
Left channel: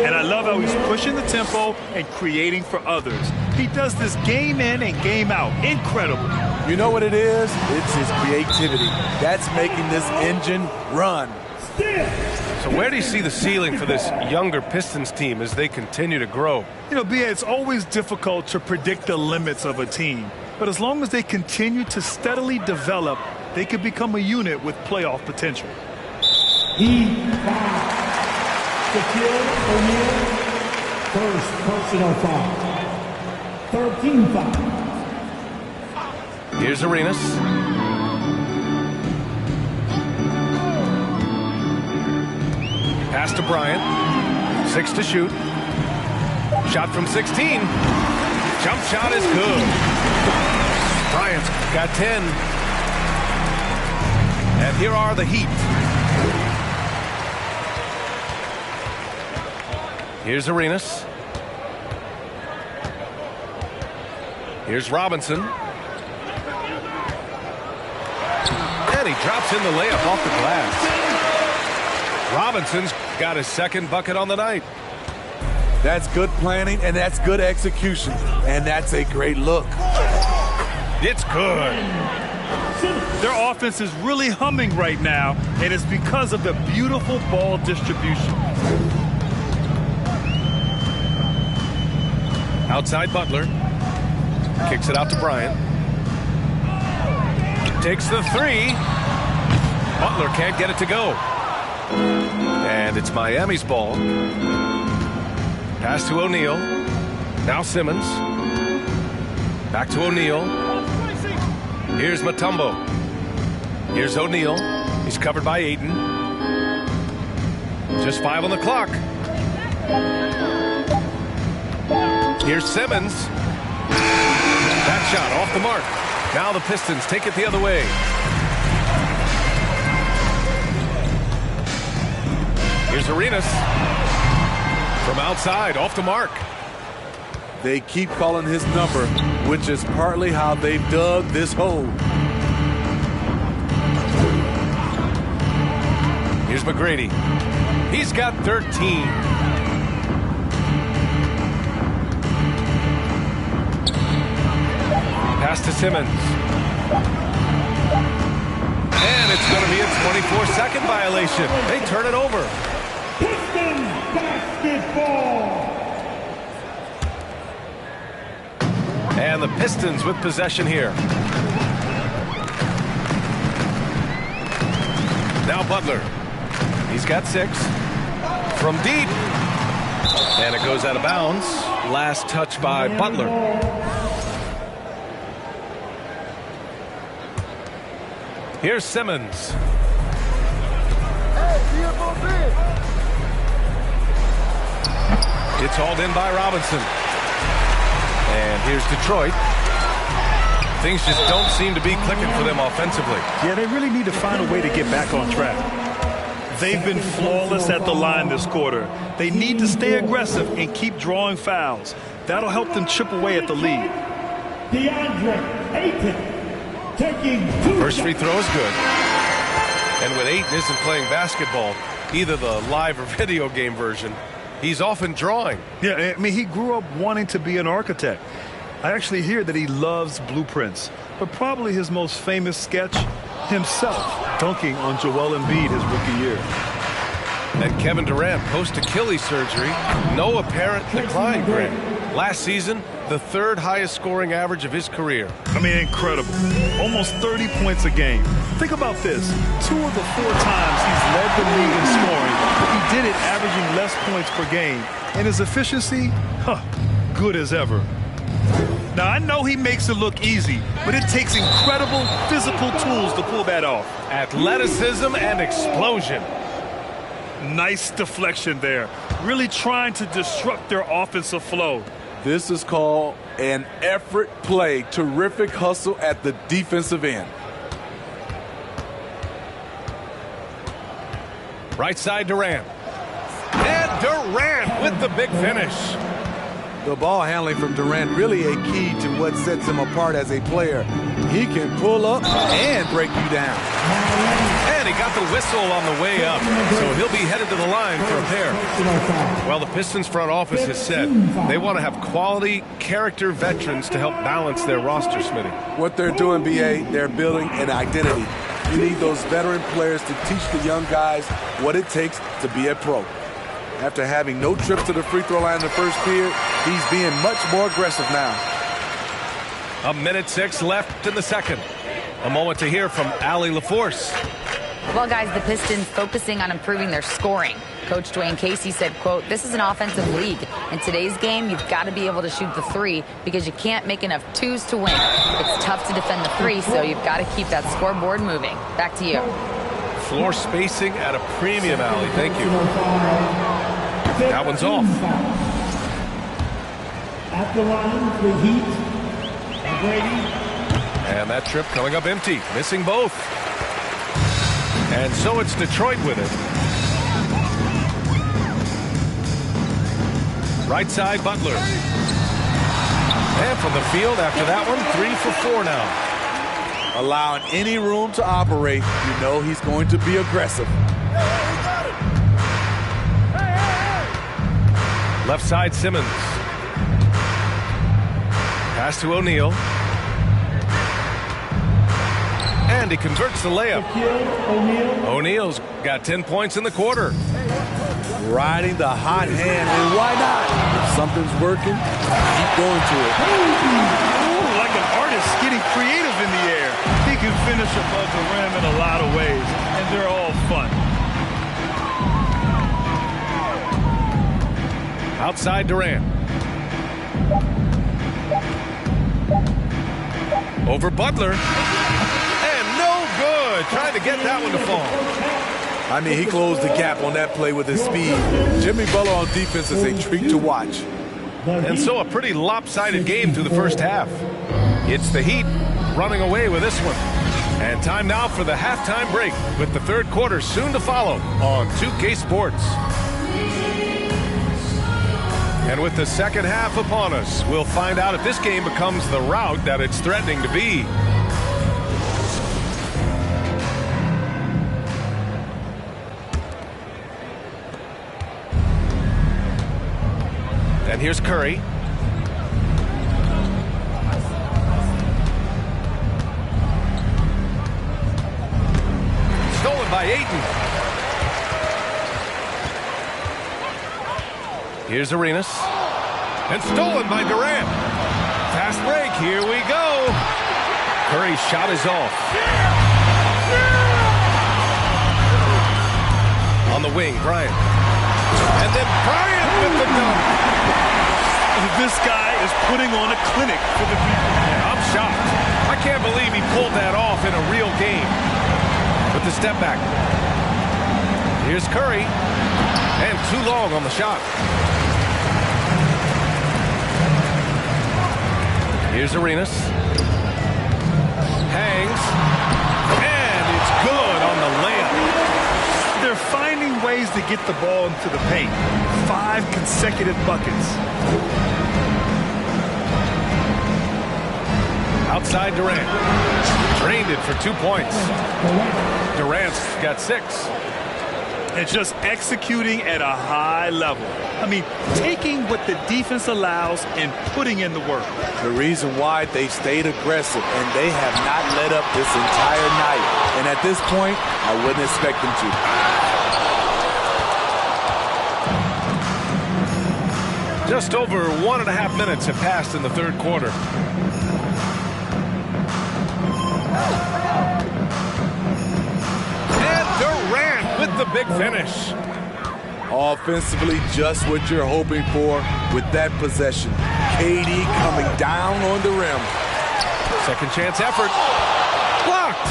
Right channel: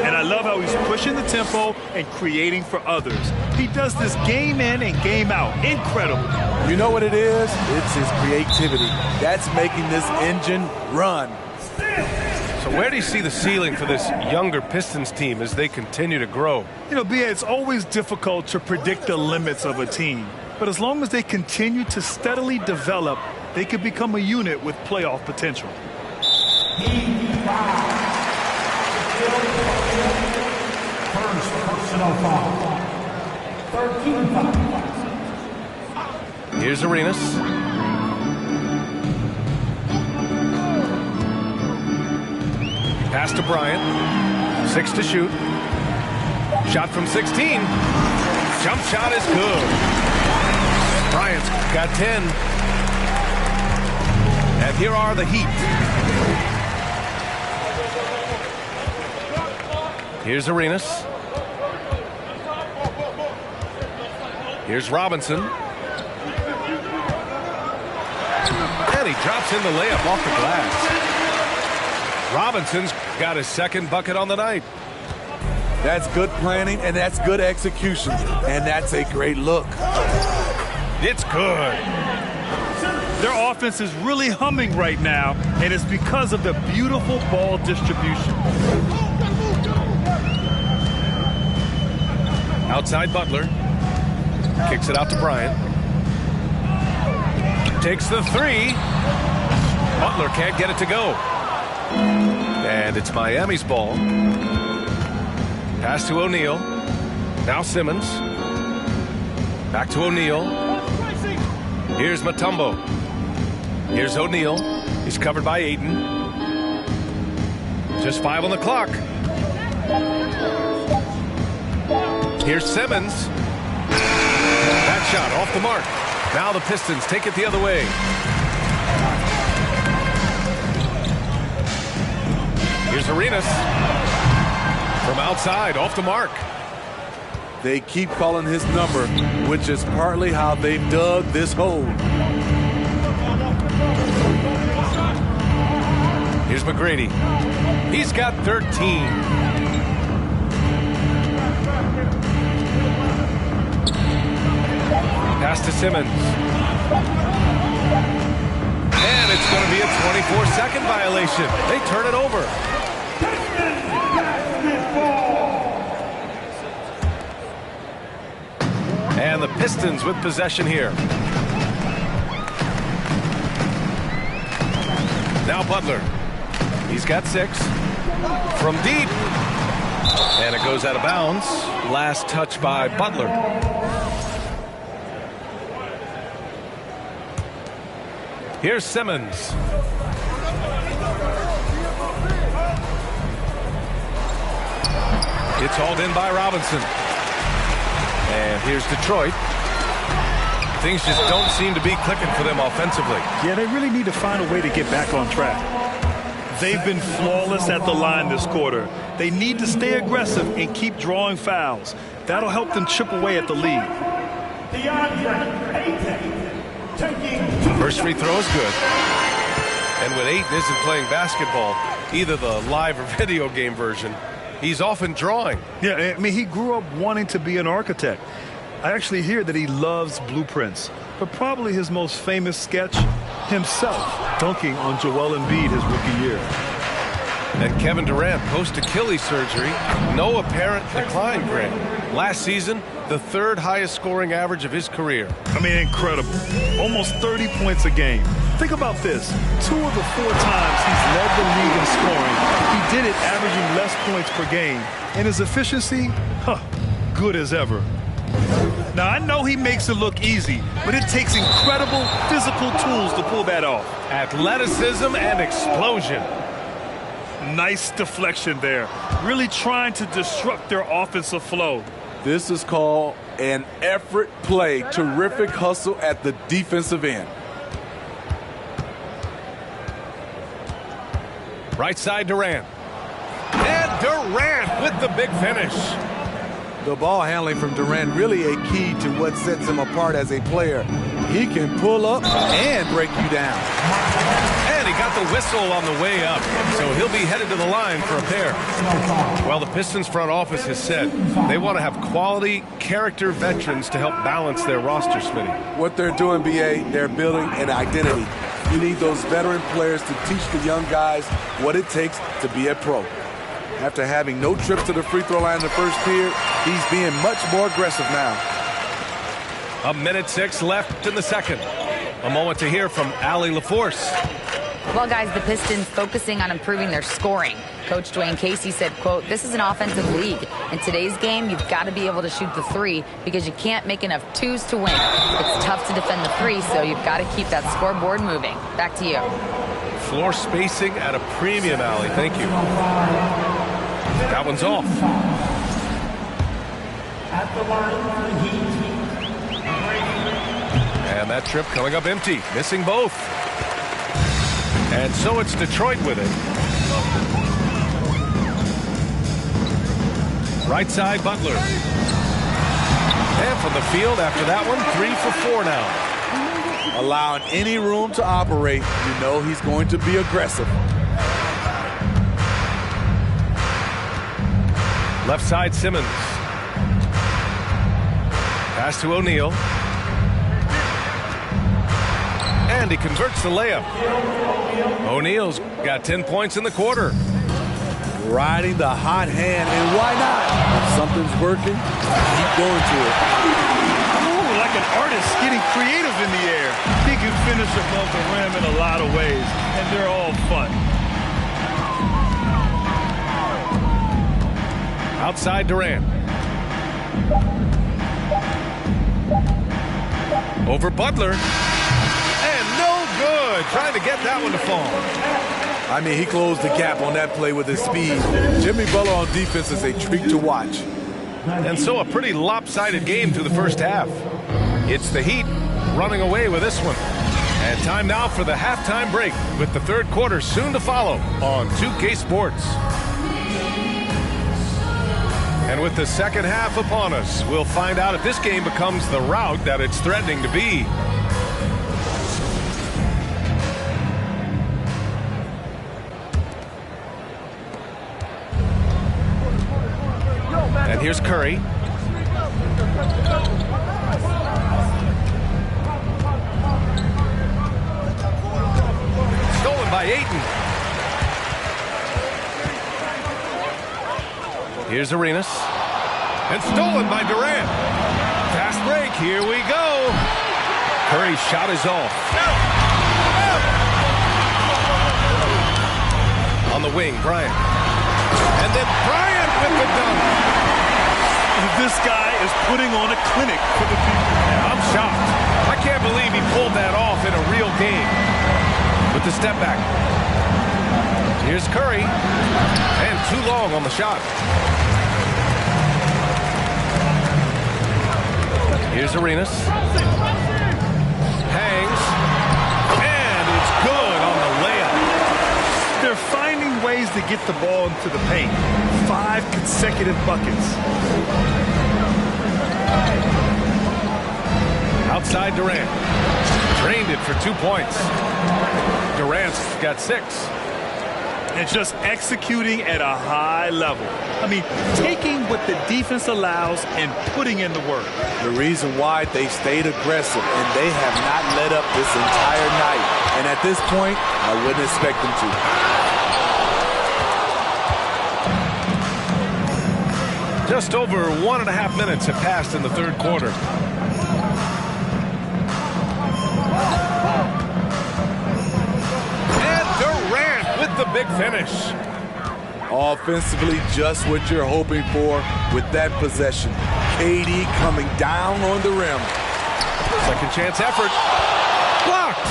And I love how he's pushing the tempo and creating for others. He does this game in and game out. Incredible. You know what it is? It's his creativity. That's making this engine run. So where do you see the ceiling for this younger Pistons team as they continue to grow? You know, B.A., it's always difficult to predict the limits of a team. But as long as they continue to steadily develop, they could become a unit with playoff potential. Heat foul. Shaquille O'Neal, first personal foul. 13 fouls. Here's Arenas. Pass to Bryant. 6 to shoot. Shot from 16. Jump shot is good. Bryant's got 10. And here are the Heat. Here's Arenas. Here's Robinson. And he drops in the layup off the glass. Robinson's got his second bucket on the night. That's good planning, and that's good execution. And that's a great look. It's good. Their offense is really humming right now, and it's because of the beautiful ball distribution. Outside Butler. Kicks it out to Bryant. Takes the 3. Butler can't get it to go. And it's Miami's ball. Pass to O'Neal. Now Simmons. Back to O'Neal. Here's Mutombo. Here's O'Neal. He's covered by Ayton. Just 5 on the clock. Here's Simmons. That shot off the mark. Now the Pistons take it the other way. Here's Arenas. From outside, off the mark. They keep calling his number, which is partly how they've dug this hole. Here's McGrady. He's got 13. Pass to Simmons. And it's going to be a 24-second violation. They turn it over. Pistons basketball. And the Pistons with possession here. Now Butler. He's got 6. From deep. And it goes out of bounds. Last touch by Butler. Here's Simmons. It's hauled in by Robinson. And here's Detroit. Things just don't seem to be clicking for them offensively. Yeah, they really need to find a way to get back on track. They've been flawless at the line this quarter. They need to stay aggressive and keep drawing fouls. That'll help them chip away at the lead. DeAndre Ayton taking 2 First free throw is good. And when Ayton isn't playing basketball, either the live or video game version, he's often drawing. Yeah, I mean, he grew up wanting to be an architect. I actually hear that he loves blueprints, but probably his most famous sketch, himself dunking on Joel Embiid his rookie year. And Kevin Durant, post-Achilles surgery, no apparent decline, Greg. Last season, the 3rd highest scoring average of his career. I mean, incredible. Almost 30 points a game. Think about this. 2 of the 4 times he's led the league in scoring, he did it averaging less points per game. And his efficiency, good as ever. Now, I know he makes it look easy, but it takes incredible physical tools to pull that off. Athleticism and explosion. Nice deflection there. Really trying to disrupt their offensive flow. This is called an effort play. Terrific hustle at the defensive end. Right side Durant. And Durant with the big finish. The ball handling from Durant really a key to what sets him apart as a player. He can pull up and break you down. And he got the whistle on the way up, so he'll be headed to the line for a pair. Well, the Pistons front office has said they want to have quality character veterans to help balance their roster, Smitty. What they're doing, B.A., they're building an identity. You need those veteran players to teach the young guys what it takes to be a pro. After having no trip to the free throw line in the first period, he's being much more aggressive now. 1:06 left in the second. A moment to hear from Allie LaForce. Well, guys, the Pistons focusing on improving their scoring. Coach Dwayne Casey said, quote, "This is an offensive league. In today's game, you've got to be able to shoot the 3 because you can't make enough 2s to win. It's tough to defend the 3, so you've got to keep that scoreboard moving." Back to you. Floor spacing at a premium, Allie. Thank you. That one's off. At the line, the Heat. And that trip coming up empty, missing both. And so it's Detroit with it. Right side, Butler. And from the field after that one, 3 for 4 now. Allowing any room to operate, you know he's going to be aggressive. Left side, Simmons. Pass to O'Neal. And he converts the layup. O'Neal's got 10 points in the quarter. Riding the hot hand, and why not? If something's working, keep going to it. Ooh, like an artist getting creative in the air. He can finish above the rim in a lot of ways, and they're all fun. Outside Durant. Over Butler. And no good. Trying to get that one to fall. I mean, he closed the gap on that play with his speed. Jimmy Butler on defense is a treat to watch. And so a pretty lopsided game through the first half. It's the Heat running away with this one. And time now for the halftime break, with the third quarter soon to follow on 2K Sports. And with the second half upon us, we'll find out if this game becomes the rout that it's threatening to be. And here's Curry. Stolen by Ayton. Here's Arenas. And stolen by Durant. Fast break. Here we go. Curry's shot is off. On the wing, Bryant. And then Bryant with the dunk. This guy is putting on a clinic for the people. Yeah, I'm shocked. I can't believe he pulled that off in a real game. With the step back. Here's Curry. And too long on the shot. Here's Arenas. Hangs. And it's good on the layup. They're finding ways to get the ball into the paint. 5 consecutive buckets. Outside Durant. Drained it for 2 points. Durant's got 6. And just executing at a high level. I mean, taking what the defense allows and putting in the work. The reason why they stayed aggressive, and they have not let up this entire night. And at this point, I wouldn't expect them to. Just over 1.5 minutes have passed in the third quarter. And Durant with the big finish. Offensively, just what you're hoping for with that possession. KD coming down on the rim. Second chance effort. Blocked.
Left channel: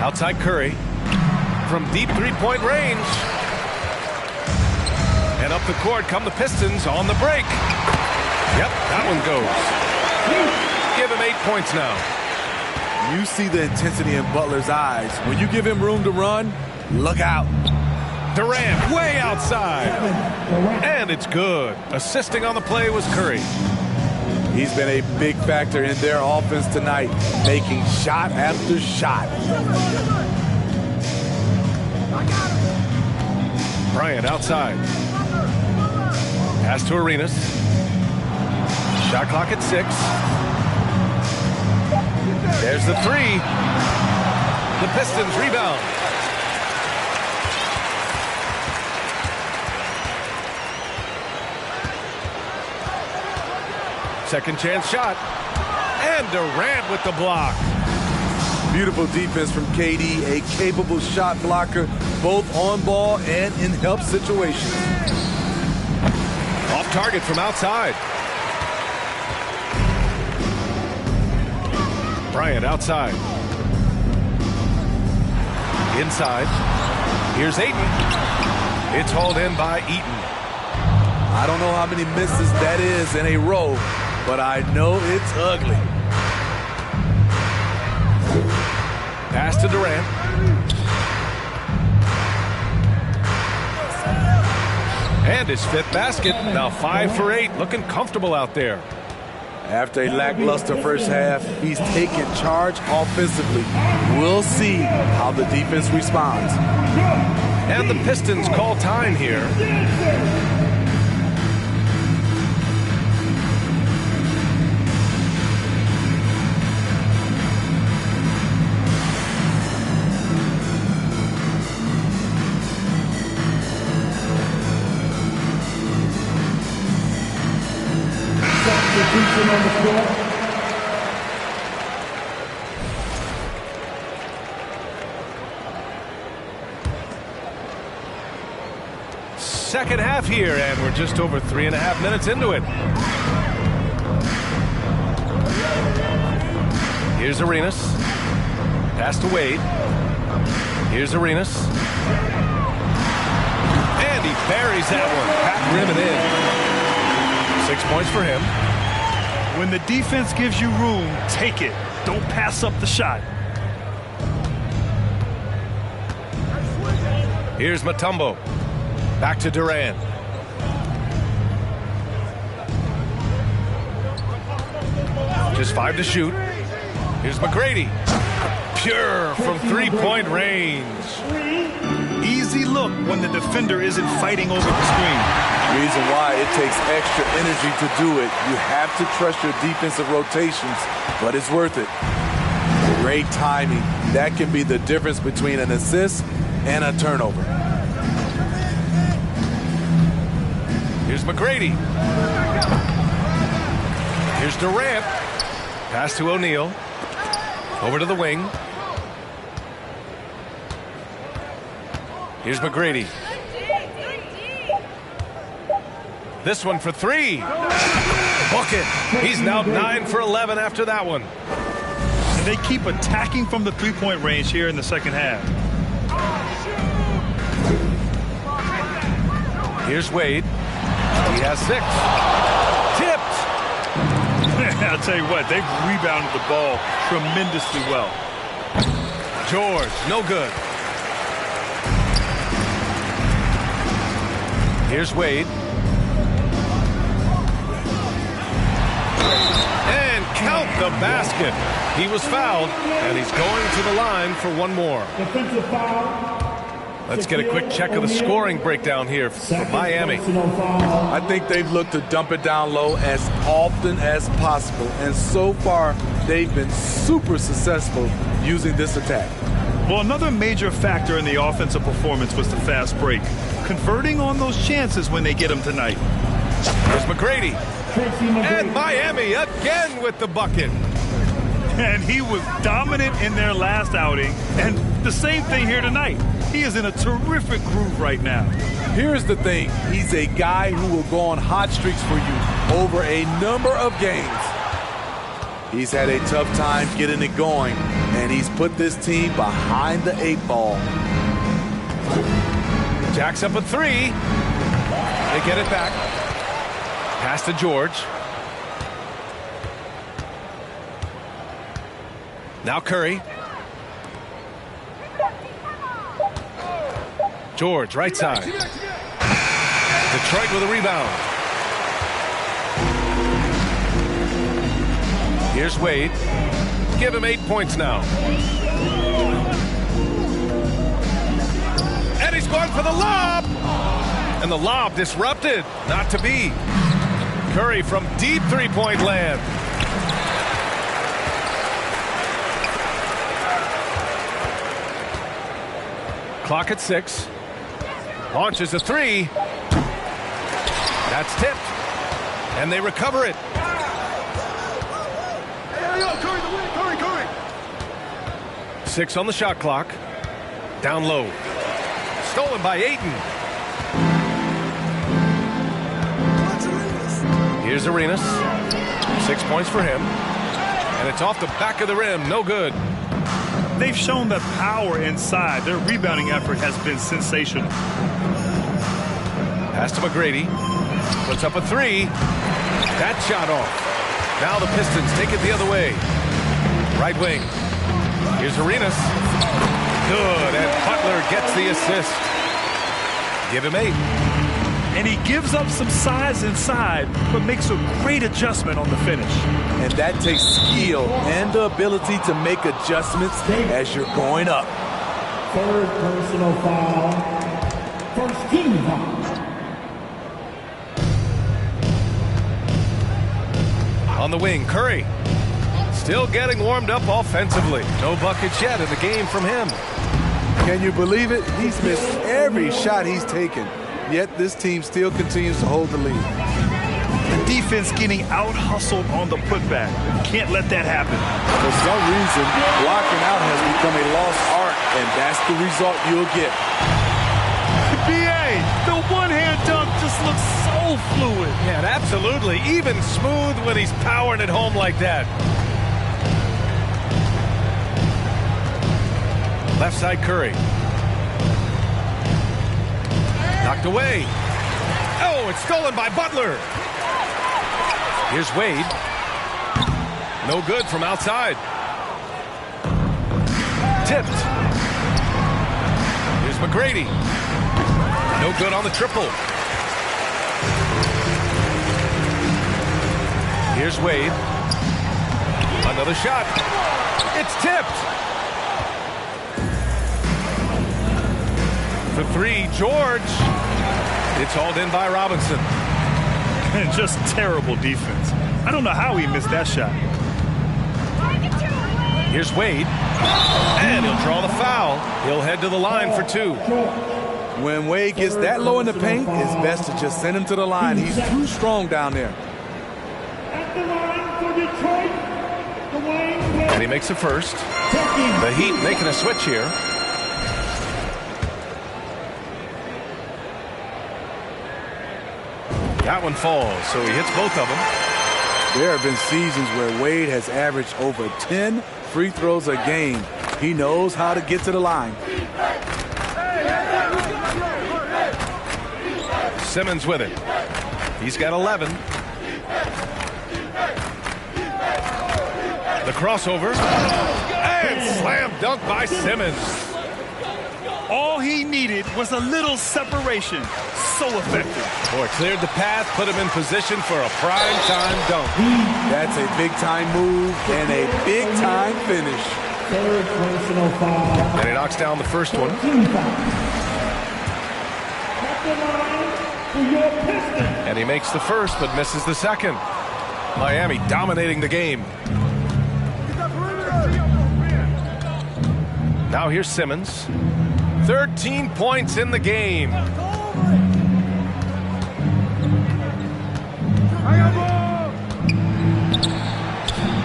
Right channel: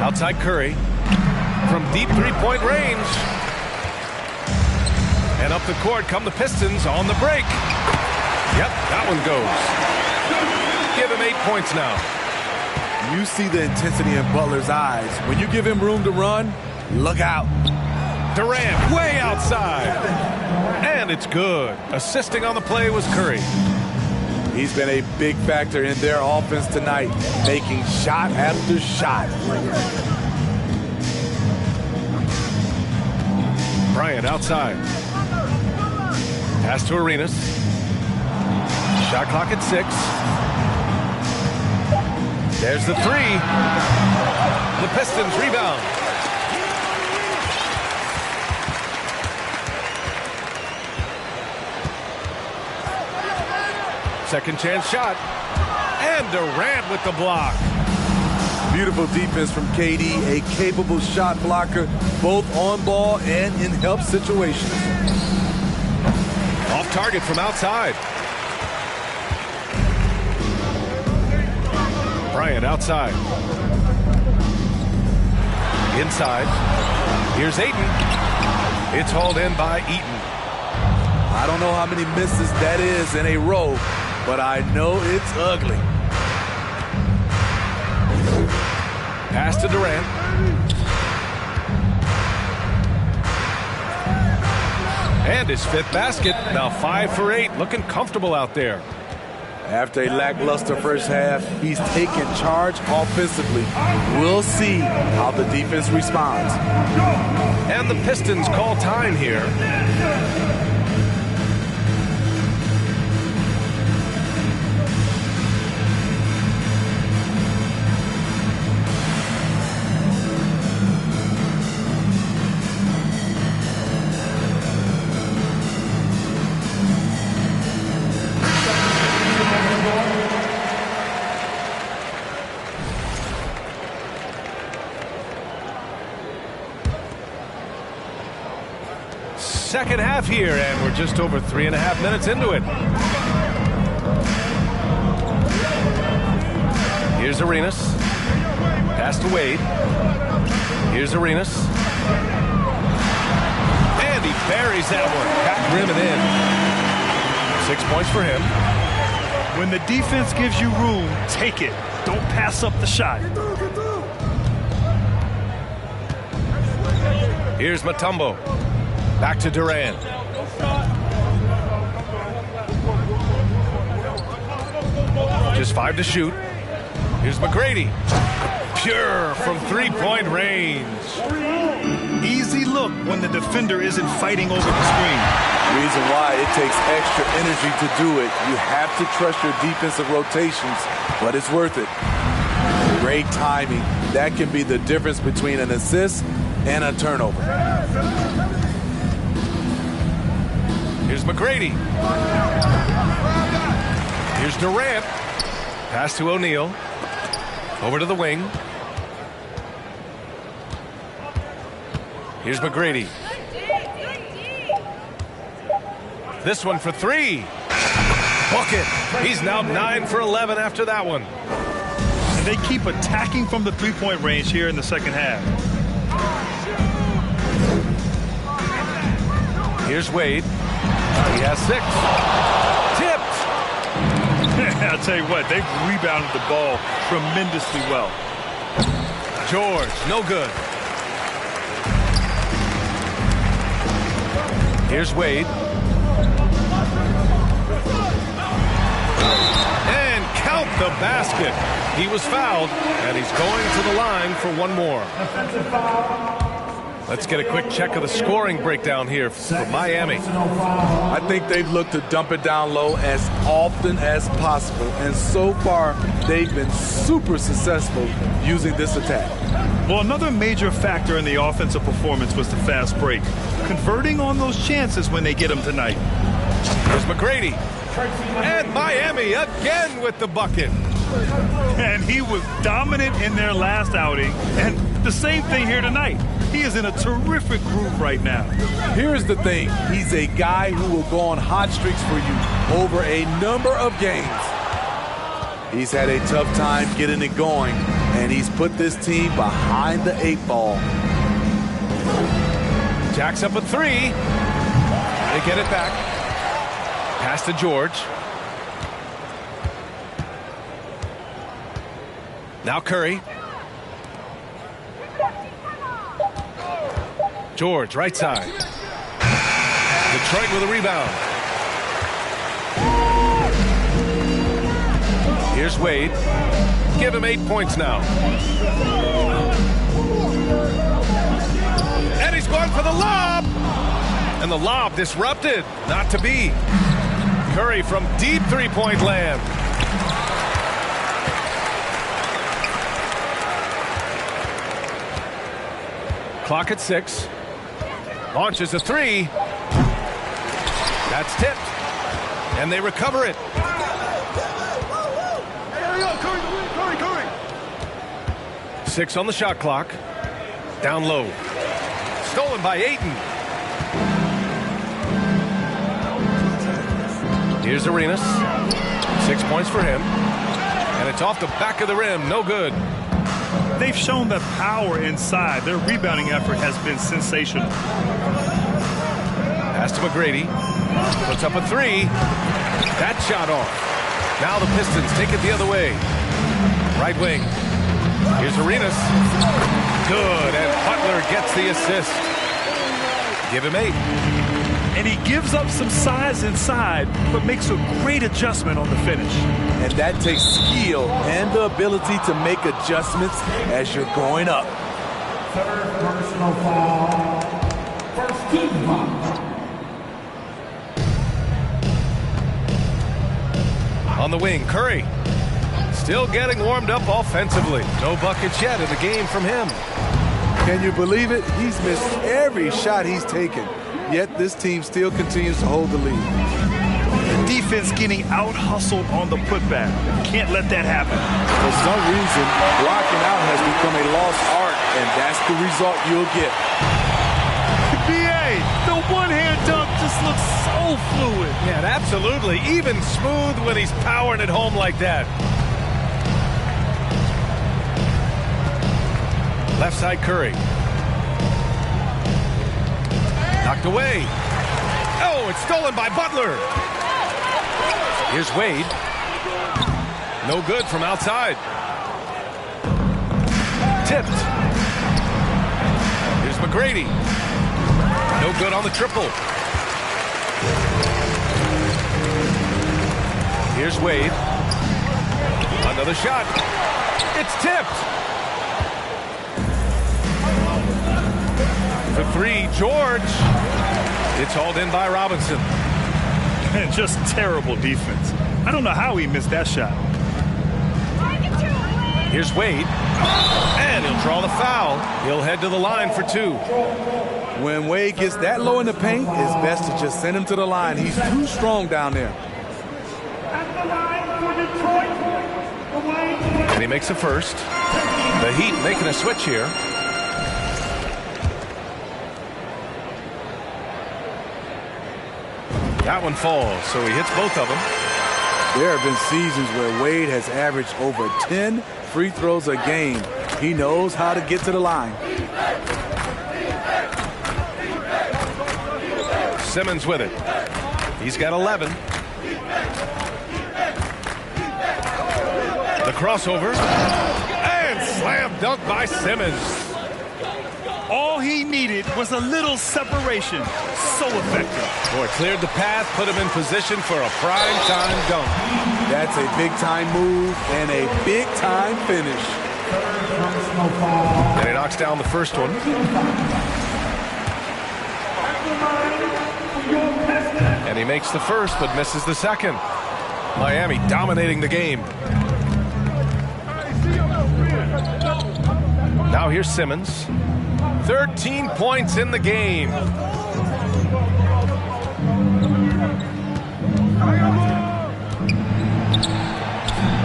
Outside Curry. From deep three-point range. And up the court come the Pistons on the break. Yep, that one goes. Give him 8 points now. You see the intensity in Butler's eyes. When you give him room to run, look out. Durant way outside. And it's good. Assisting on the play was Curry. He's been a big factor in their offense tonight, making shot after shot. Bryant outside. Pass to Arenas. Shot clock at 6. There's the 3. The Pistons rebound. Second chance shot. And Durant with the block. Beautiful defense from KD, a capable shot blocker, both on ball and in help situations. Off target from outside. Bryant outside. Inside. Here's Ayton. It's hauled in by Eaton. I don't know how many misses that is in a row, but I know it's ugly. Pass to Durant. And his 5th basket. Now 5 for 8. Looking comfortable out there. After a lackluster first half, he's taken charge offensively. We'll see how the defense responds. And the Pistons call time here. Second half here, and we're just over 3.5 minutes into it. Here's Arenas. Pass to Wade. Here's Arenas. And he buries that one. Back rim and in. 6 points for him. When the defense gives you room, take it. Don't pass up the shot. Here's Mutombo. Back to Durant. Just 5 to shoot. Here's McGrady. Pure from three-point range. Easy look when the defender isn't fighting over the screen. Reason why it takes extra energy to do it. You have to trust your defensive rotations, but it's worth it. Great timing. That can be the difference between an assist and a turnover. Here's McGrady. Here's Durant. Pass to O'Neal. Over to the wing. Here's McGrady. This one for 3. Bucket. He's now 9 for 11 after that one. And they keep attacking from the three-point range here in the second half. Here's Wade. He has 6. Tipped. I'll tell you what, they've rebounded the ball tremendously well. George, no good. Here's Wade. And count the basket. He was fouled, and he's going to the line for one more. Defensive foul. Let's get a quick check of the scoring breakdown here for Miami. I think they've looked to dump it down low as often as possible, and so far they've been super successful using this attack. Well, another major factor in the offensive performance was the fast break. Converting on those chances when they get them tonight. Here's McGrady. And Miami again with the bucket. And he was dominant in their last outing, and the same thing here tonight. He is in a terrific groove right now. Here's the thing. He's a guy who will go on hot streaks for you over a number of games. He's had a tough time getting it going, and he's put this team behind the 8 ball. Jacks up a 3. They get it back. Pass to George. Now Curry. George, right side. Detroit with a rebound. Here's Wade. Give him 8 points now. And he's going for the lob. And the lob disrupted. Not to be. Curry from deep three-point land. Clock at 6. Launches a 3. That's tipped. And they recover it. Curry, the win. Curry. 6 on the shot clock. Down low. Stolen by Ayton. Here's Arenas. 6 points for him. And it's off the back of the rim. No good. They've shown that power inside. Their rebounding effort has been sensational. Pass to McGrady. Puts up a 3. That shot off. Now the Pistons take it the other way. Right wing. Here's Arenas. Good. And Butler gets the assist. Give him 8. And he gives up some size inside, but makes a great adjustment on the finish. And that takes skill and the ability to make adjustments as you're going up. Third personal foul. First team foul. On the wing, Curry. Still getting warmed up offensively. No buckets yet in the game from him. Can you believe it? He's missed every shot he's taken. Yet this team still continues to hold the lead. The defense getting out-hustled on the putback. Can't let that happen. For some reason, blocking out has become a lost art, and that's the result you'll get. B.A., the one-hand dunk just looks so fluid. Yeah, absolutely. Even smooth when he's powering it home like that. Left side Curry. Knocked away. Oh, it's stolen by Butler. Here's Wade. No good from outside. Tipped. Here's McGrady. No good on the triple. Here's Wade. Another shot. It's tipped. For three, George. It's hauled in by Robinson. And just terrible defense. I don't know how he missed that shot. Here's Wade. And he'll draw the foul. He'll head to the line for two. When Wade gets that low in the paint, it's best to just send him to the line. He's too strong down there. At the line for Detroit, the Wayne And he makes a first. The Heat making a switch here. That one falls, so he hits both of them. There have been seasons where Wade has averaged over 10 free throws a game. He knows how to get to the line. Simmons with it. He's got 11. The crossover. And slam dunk by Simmons. All he needed was a little separation. So effective. Boy, cleared the path, put him in position for a prime-time dunk. That's a big-time move and a big-time finish. third personal foul. And he knocks down the first one. At the line for your Pistons. And he makes the first, but misses the second. Miami dominating the game. Now here's Simmons. 13 points in the game.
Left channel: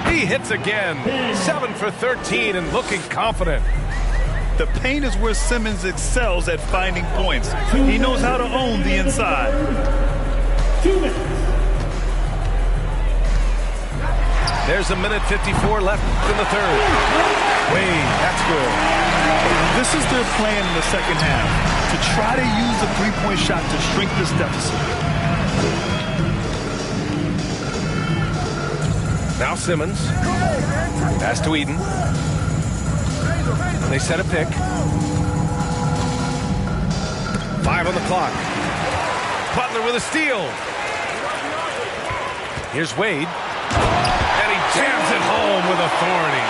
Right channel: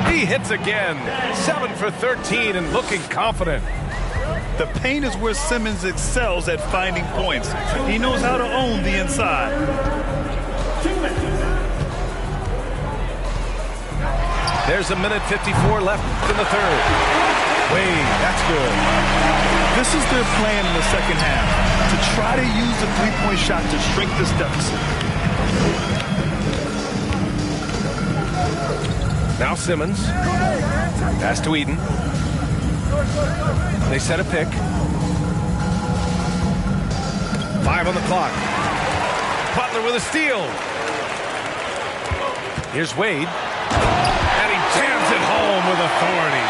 He hits again. 7 for 13 and looking confident. The paint is where Simmons excels at finding points. He knows how to own the inside. 2 minutes. There's a minute 54 left in the third. Wade, that's good. This is their plan in the second half, to try to use the three-point shot to shrink this deficit. Now Simmons. Pass to Eden. They set a pick. 5 on the clock. Butler with a steal. Here's Wade. And he jams it home with authority.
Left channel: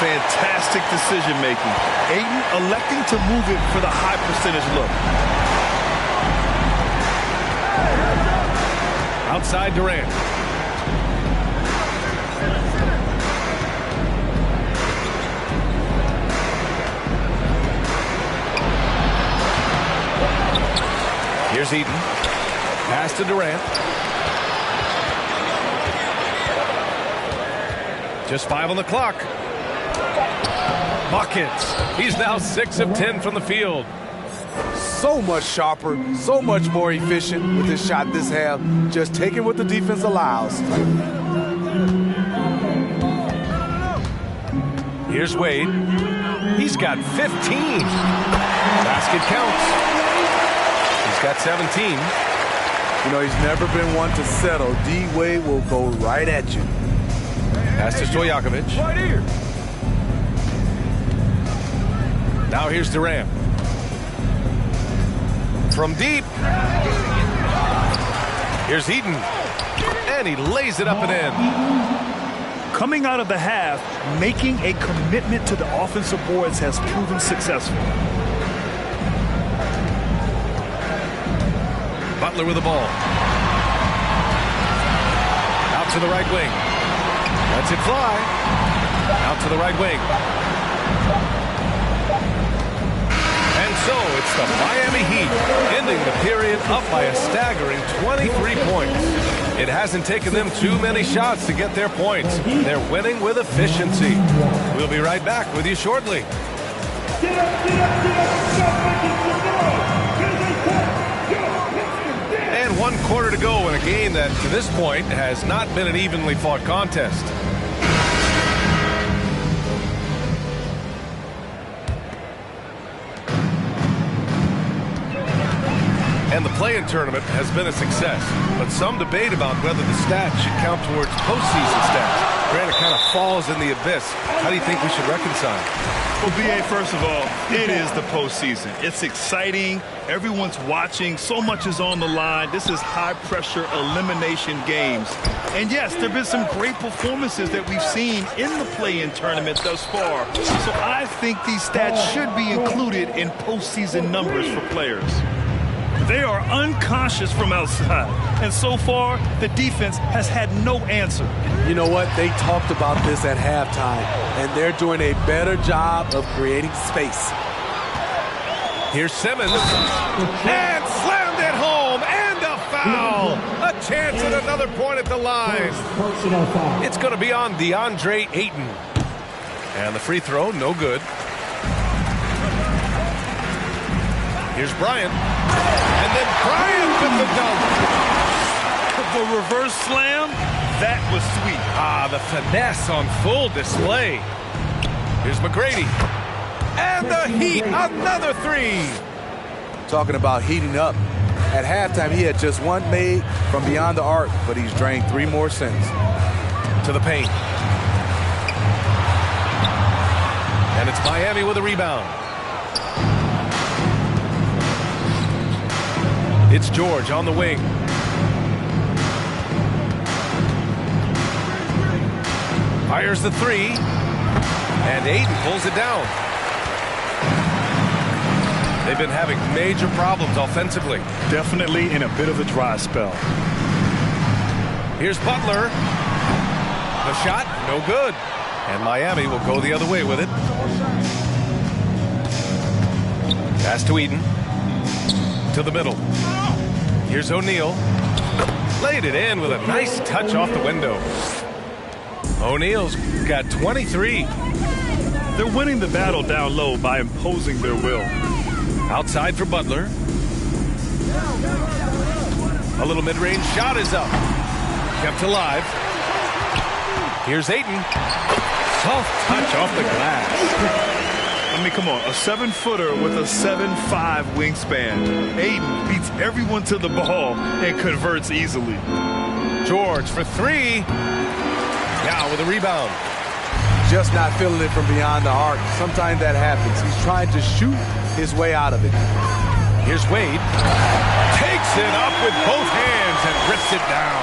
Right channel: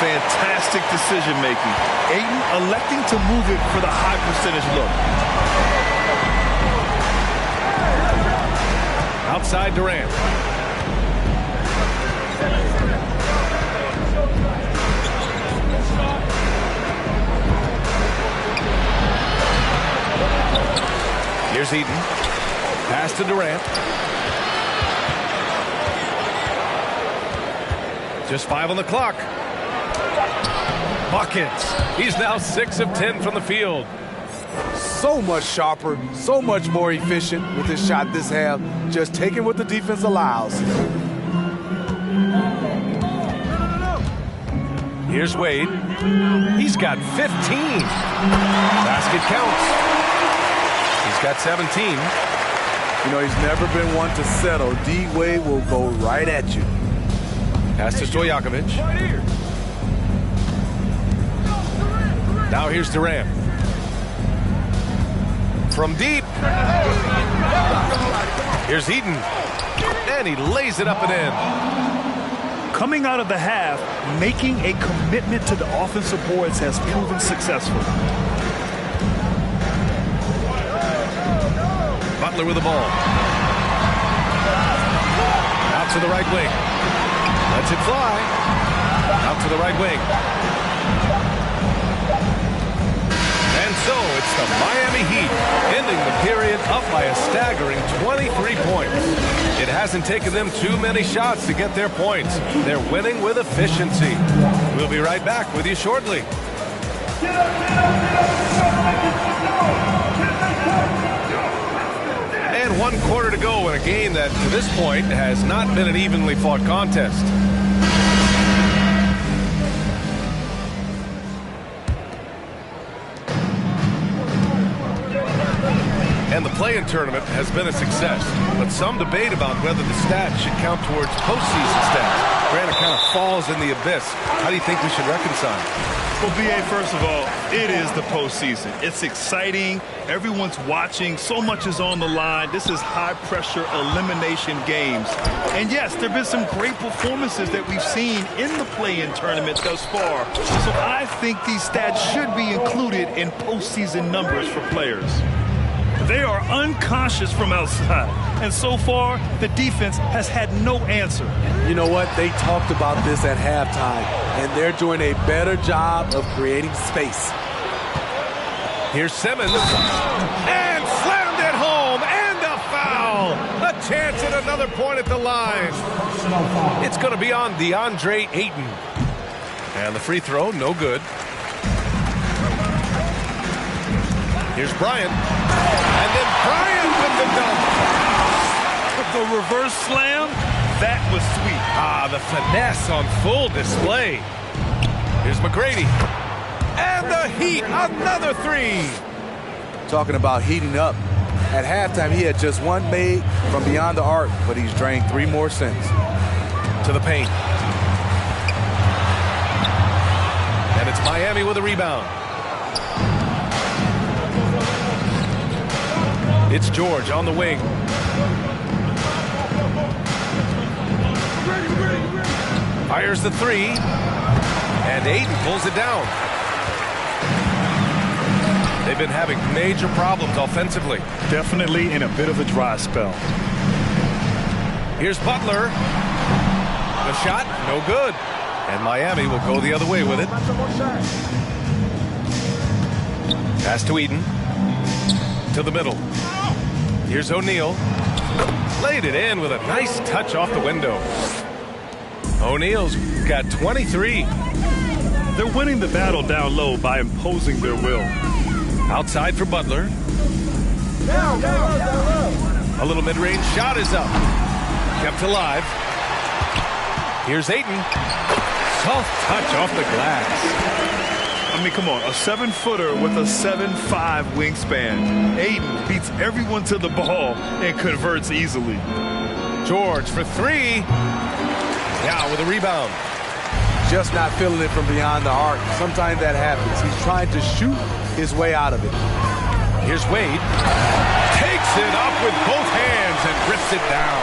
Fantastic decision-making. Ayton electing to move it for the high percentage look. Outside Durant. Here's Eden. Pass to Durant. Just 5 on the clock. Buckets. He's now 6 of 10 from the field. So much sharper, so much more efficient with his shot this half. Just taking what the defense allows. Here's Wade. He's got 15. Basket counts. He's got 17. You know, he's never been one to settle. D-Wade will go right at you. Pass to Stojakovic. Right here. Now here's Durant. From deep. Here's Eden. And he lays it up and in. Coming out of the half, making a commitment to the offensive boards has proven successful. Butler with the ball. Out to the right wing. Lets it fly. Out to the right wing. And so it's the Miami Heat ending the period up by a staggering 23 points. It hasn't taken them too many shots to get their points. They're winning with efficiency. We'll be right back with you shortly. Get up, get up, get up. Stop making some noise. And 1 quarter to go in a game that, to this point, has not been an evenly fought contest. and the play-in tournament has been a success. But some debate about whether the stats should count towards postseason stats. Grant, it kind of falls in the abyss. How do you think we should reconcile? Well, B.A., first of all, it is the postseason. It's exciting. Everyone's watching. So much is on the line. This is high-pressure elimination games. And, yes, there have been some great performances that we've seen in the play-in tournament thus far. So I think these stats should be included in postseason numbers for players. They are unconscious from outside. And so far, the defense has had no answer. You know what? They talked about this at halftime, and they're doing a better job of creating space. Here's Simmons. And slammed it home. And a foul. A chance at another point at the line. It's going to be on DeAndre Ayton. And the free throw, no good. Here's Bryant. And then Bryant with the dunk. The reverse slam, that was sweet. The finesse on full display. Here's McGrady. And the Heat, another three. Talking about heating up. At halftime, he had just one made from beyond the arc, but he's drained 3 more since. To the paint. And it's Miami with a rebound. It's George on the wing. Fires the three. And Ayton pulls it down. They've been having major problems offensively. Definitely in a bit of a dry spell. Here's Butler. The shot, no good. And Miami will go the other way with it. Pass to Eden. To the middle. Here's O'Neal. Laid it in with a nice touch off the window. O'Neal's got 23. They're winning the battle down low by imposing their will. Outside for Butler. A little mid-range shot is up. Kept alive. Here's Ayton. Soft touch off the glass. I mean, come on, a 7-footer with a 7'5" wingspan. Ayton beats everyone to the ball and converts easily. George for three. Now with a rebound. Just not feeling it from beyond the arc. Sometimes that happens. He's trying to shoot his way out of it. Here's Wade. Takes it up with both hands and rips it down.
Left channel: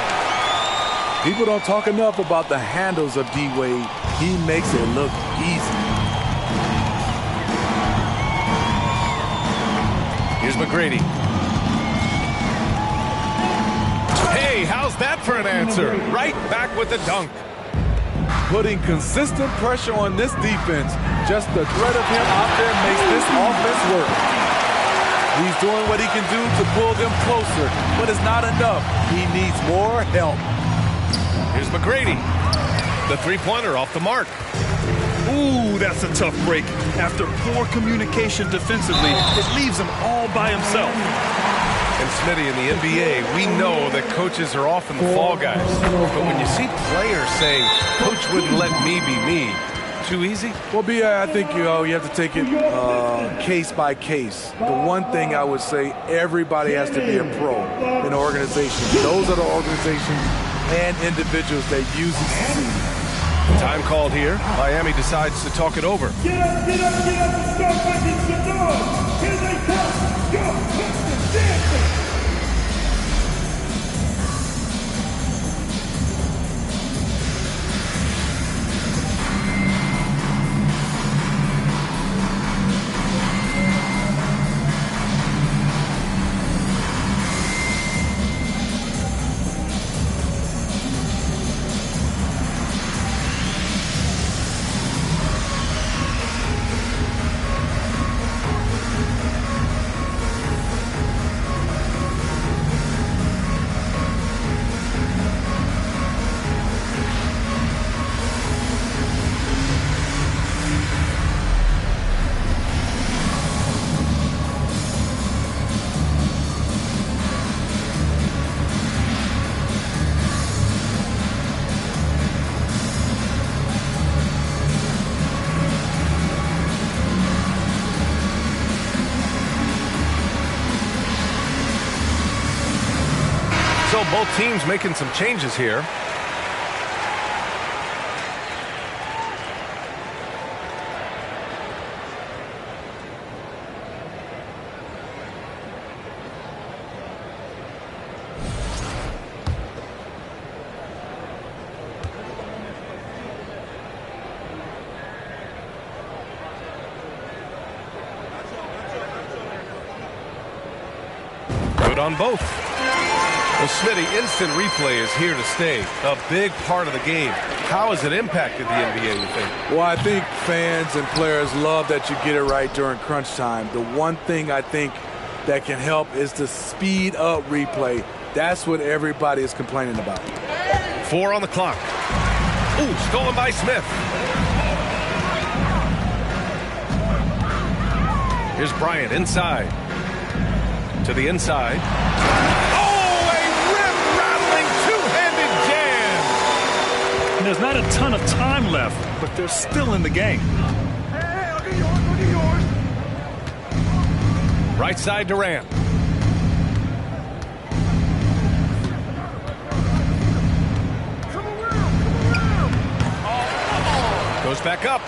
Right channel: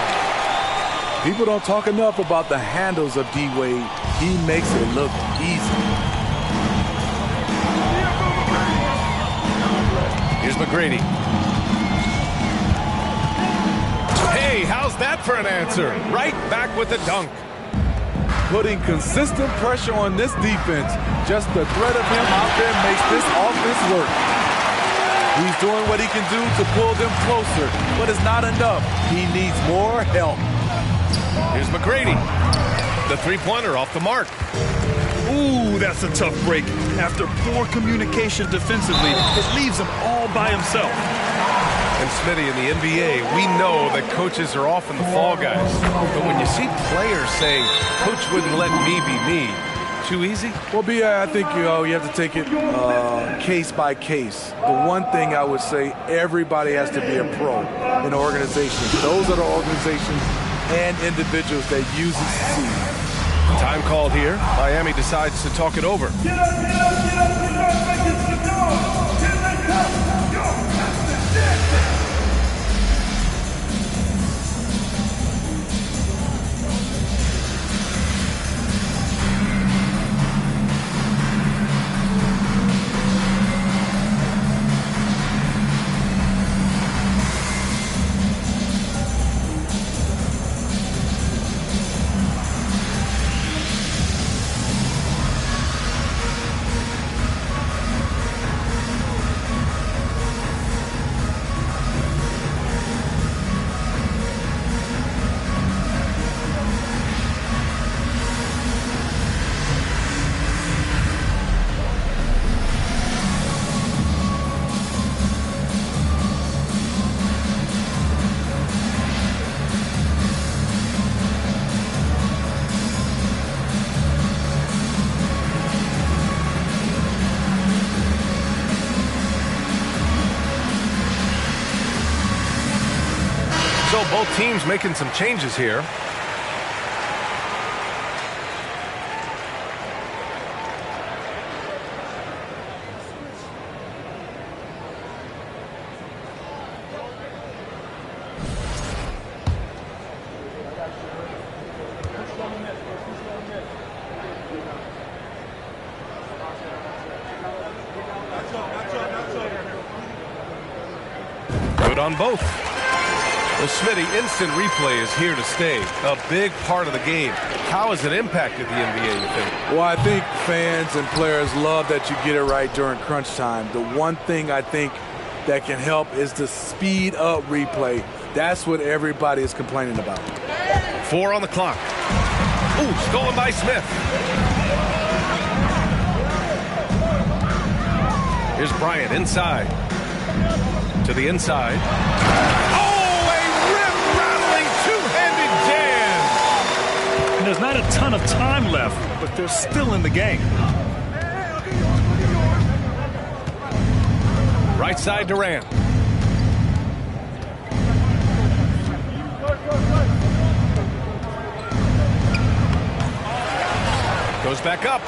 People don't talk enough about the handles of D. Wade. He makes it look easy. Here's McGrady. Hey, how's that for an answer? Right back with the dunk. Putting consistent pressure on this defense. Just the threat of him out there makes this offense work. He's doing what he can do to pull them closer, but it's not enough. He needs more help. Here's McGrady. The three-pointer off the mark. Ooh, that's a tough break. After poor communication defensively, it leaves him all by himself. And Smitty, in the NBA, we know that coaches are often the fall guys. But when you see players saying, "Coach wouldn't let me be me," too easy? Well, B.A., I think you have to take it case by case. The one thing I would say, everybody has to be a pro in an organization. Those are the organizations and individuals that usually succeed. Time called here. Miami decides to talk it over. Get up, get up, get up and start making some noise. Here they come. Yo, Pistons dancing. So both teams making some changes here. Good on both. Well, Smitty, instant replay is here to stay. A big part of the game. How has it impacted the NBA, you think? Well, I think fans and players love that you get it right during crunch time. The one thing I think that can help is the speed up replay. That's what everybody is complaining about. 4 on the clock. Ooh, stolen by Smith. Here's Bryant inside. To the inside. Oh, a rim-rattling two-handed jam! And there's not a ton of time left, but they're still in the game. Right side Durant. Goes back up.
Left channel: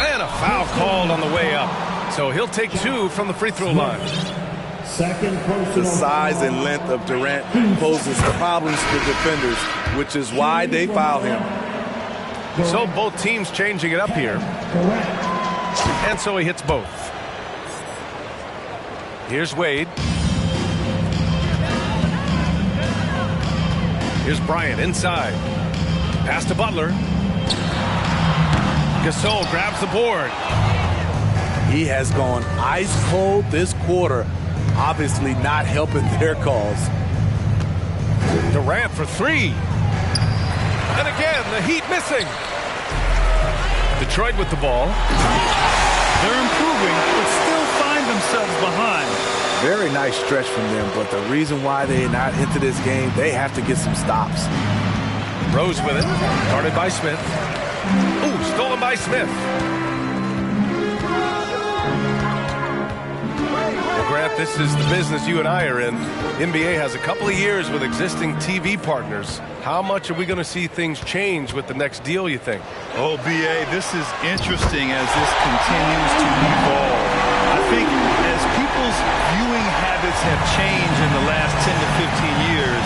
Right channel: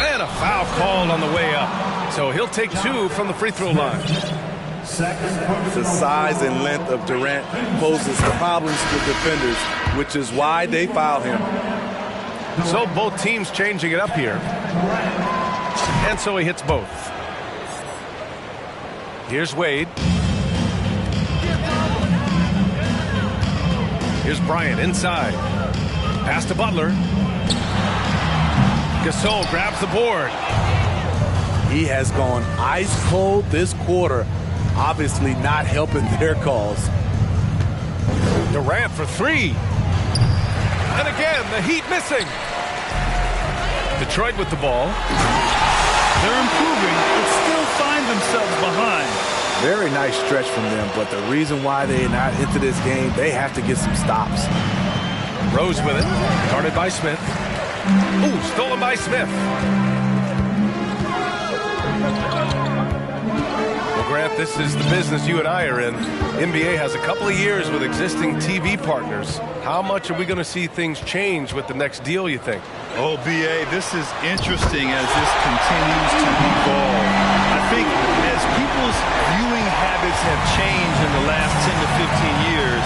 And a foul called on the way up. So he'll take 2 from the free throw line. The size and length of Durant poses problems for defenders, which is why they foul him. So both teams changing it up here. And so he hits both. Here's Wade. Here's Bryant inside. Pass to Butler. Gasol grabs the board. He has gone ice cold this quarter. Obviously not helping their cause. Durant for 3. And again, the Heat missing. Detroit with the ball. They're improving, but still find themselves behind. Very nice stretch from them, but the reason why they're not into this game, they have to get some stops. Rose with it. Guarded by Smith. Ooh, stolen by Smith. Well, Grant, this is the business you and I are in. NBA has a couple of years with existing TV partners. How much are we going to see things change with the next deal, you think? Oh, B.A., this is interesting as this continues to evolve. I think as people's viewing habits have changed in the last 10 to 15 years,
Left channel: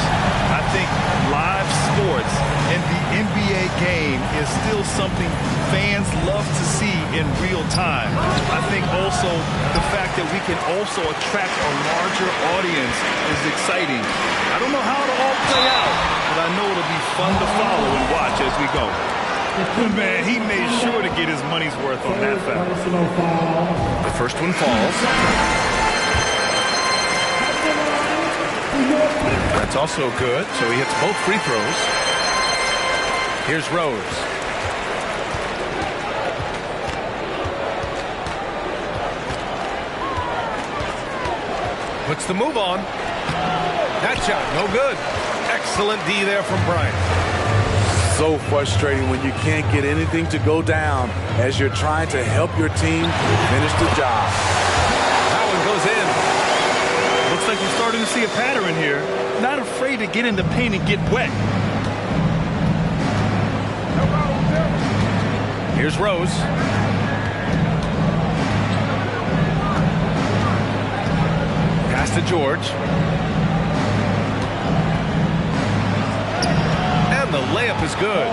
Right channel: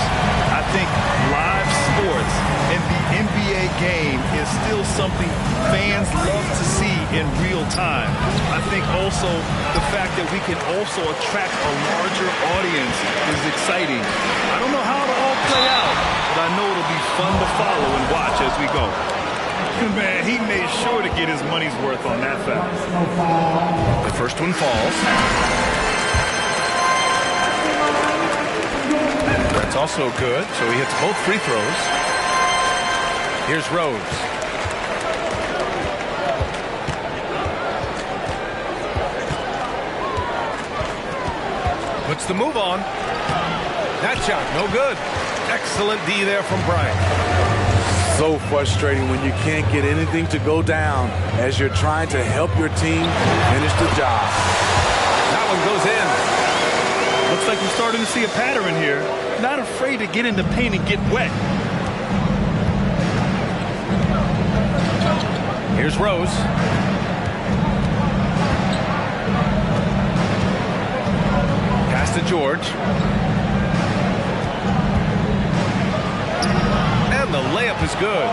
I think live sports and the NBA game is still something fans love to see in real time. I think also the fact that we can also attract a larger audience is exciting. I don't know how it'll all play out, but I know it'll be fun to follow and watch as we go. Man, he made sure to get his money's worth on that foul. The first one falls. That's also good, so he hits both free throws. Here's Rose. Puts the move on. That shot, no good. Excellent D there from Bryant. So frustrating when you can't get anything to go down as you're trying to help your team finish the job. That one goes in. Looks like you're starting to see a pattern here. Not afraid to get in the paint and get wet. Here's Rose. Pass to George. And the layup is good.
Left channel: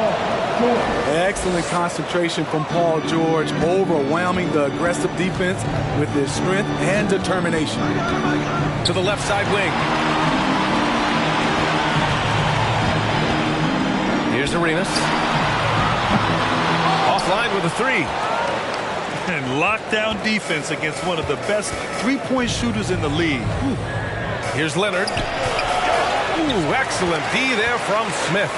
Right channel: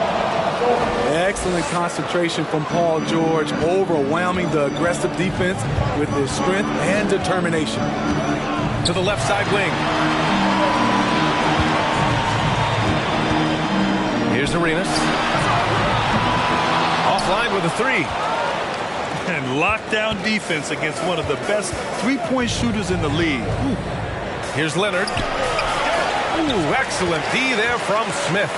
Excellent concentration from Paul George, overwhelming the aggressive defense with his strength and determination. To the left side wing. Here's Arenas. Offline with a 3. And lockdown defense against one of the best three-point shooters in the league. Ooh. Here's Leonard. Ooh, excellent D there from Smith.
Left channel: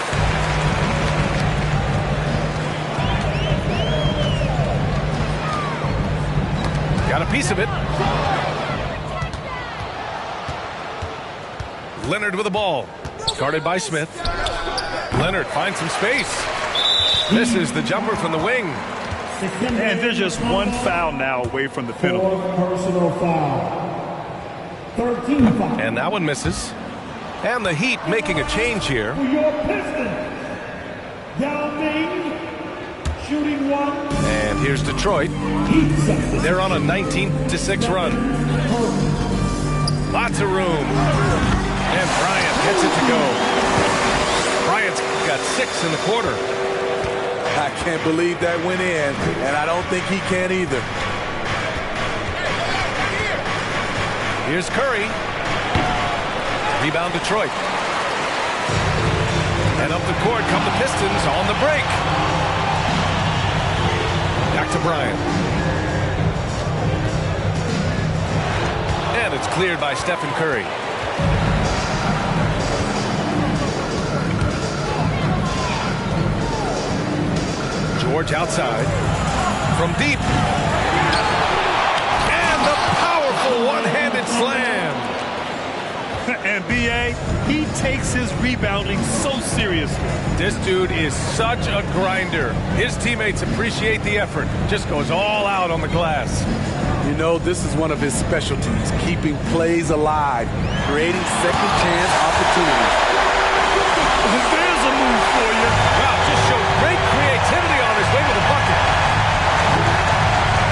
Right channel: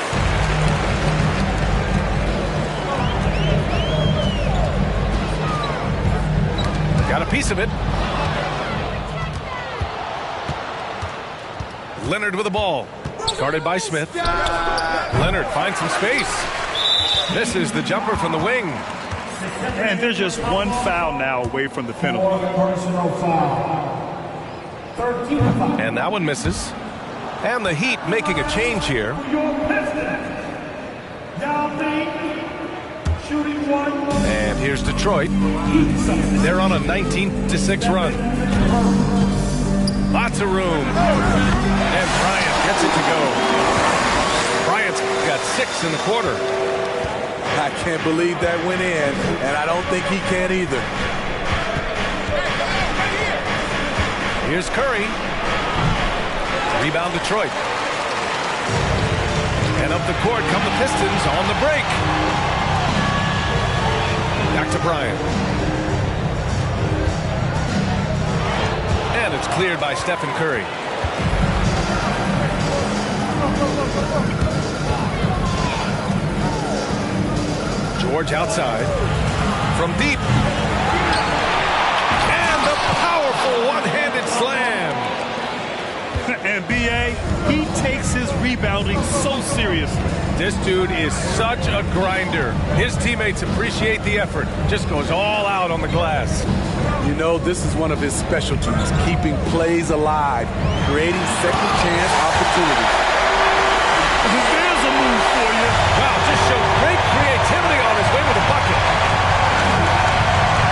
Got a piece of it. Leonard with the ball. Guarded by Smith. Leonard finds some space. Misses the jumper from the wing. And there's just one foul now away from the penalty. Personal foul. 13 foul. And that one misses. And the Heat making a change here. For your Pistons, Yao Ming, shooting 1. And here's Detroit. They're on a 19-6 run. Lots of room. And Bryant gets it to go. Bryant's got 6 in the quarter. I can't believe that went in, and I don't think he can either. Here's Curry. Rebound Detroit. And up the court come the Pistons on the break. Back to Bryant. And it's cleared by Stephen Curry. George outside. From deep. And the powerful one-handed slam. And B.A., he takes his rebounding so seriously. This dude is such a grinder. His teammates appreciate the effort. Just goes all out on the glass. You know, this is one of his specialties, keeping plays alive, creating second chance opportunities. There's a move for you. Wow, just showed great creativity on his way to the bucket.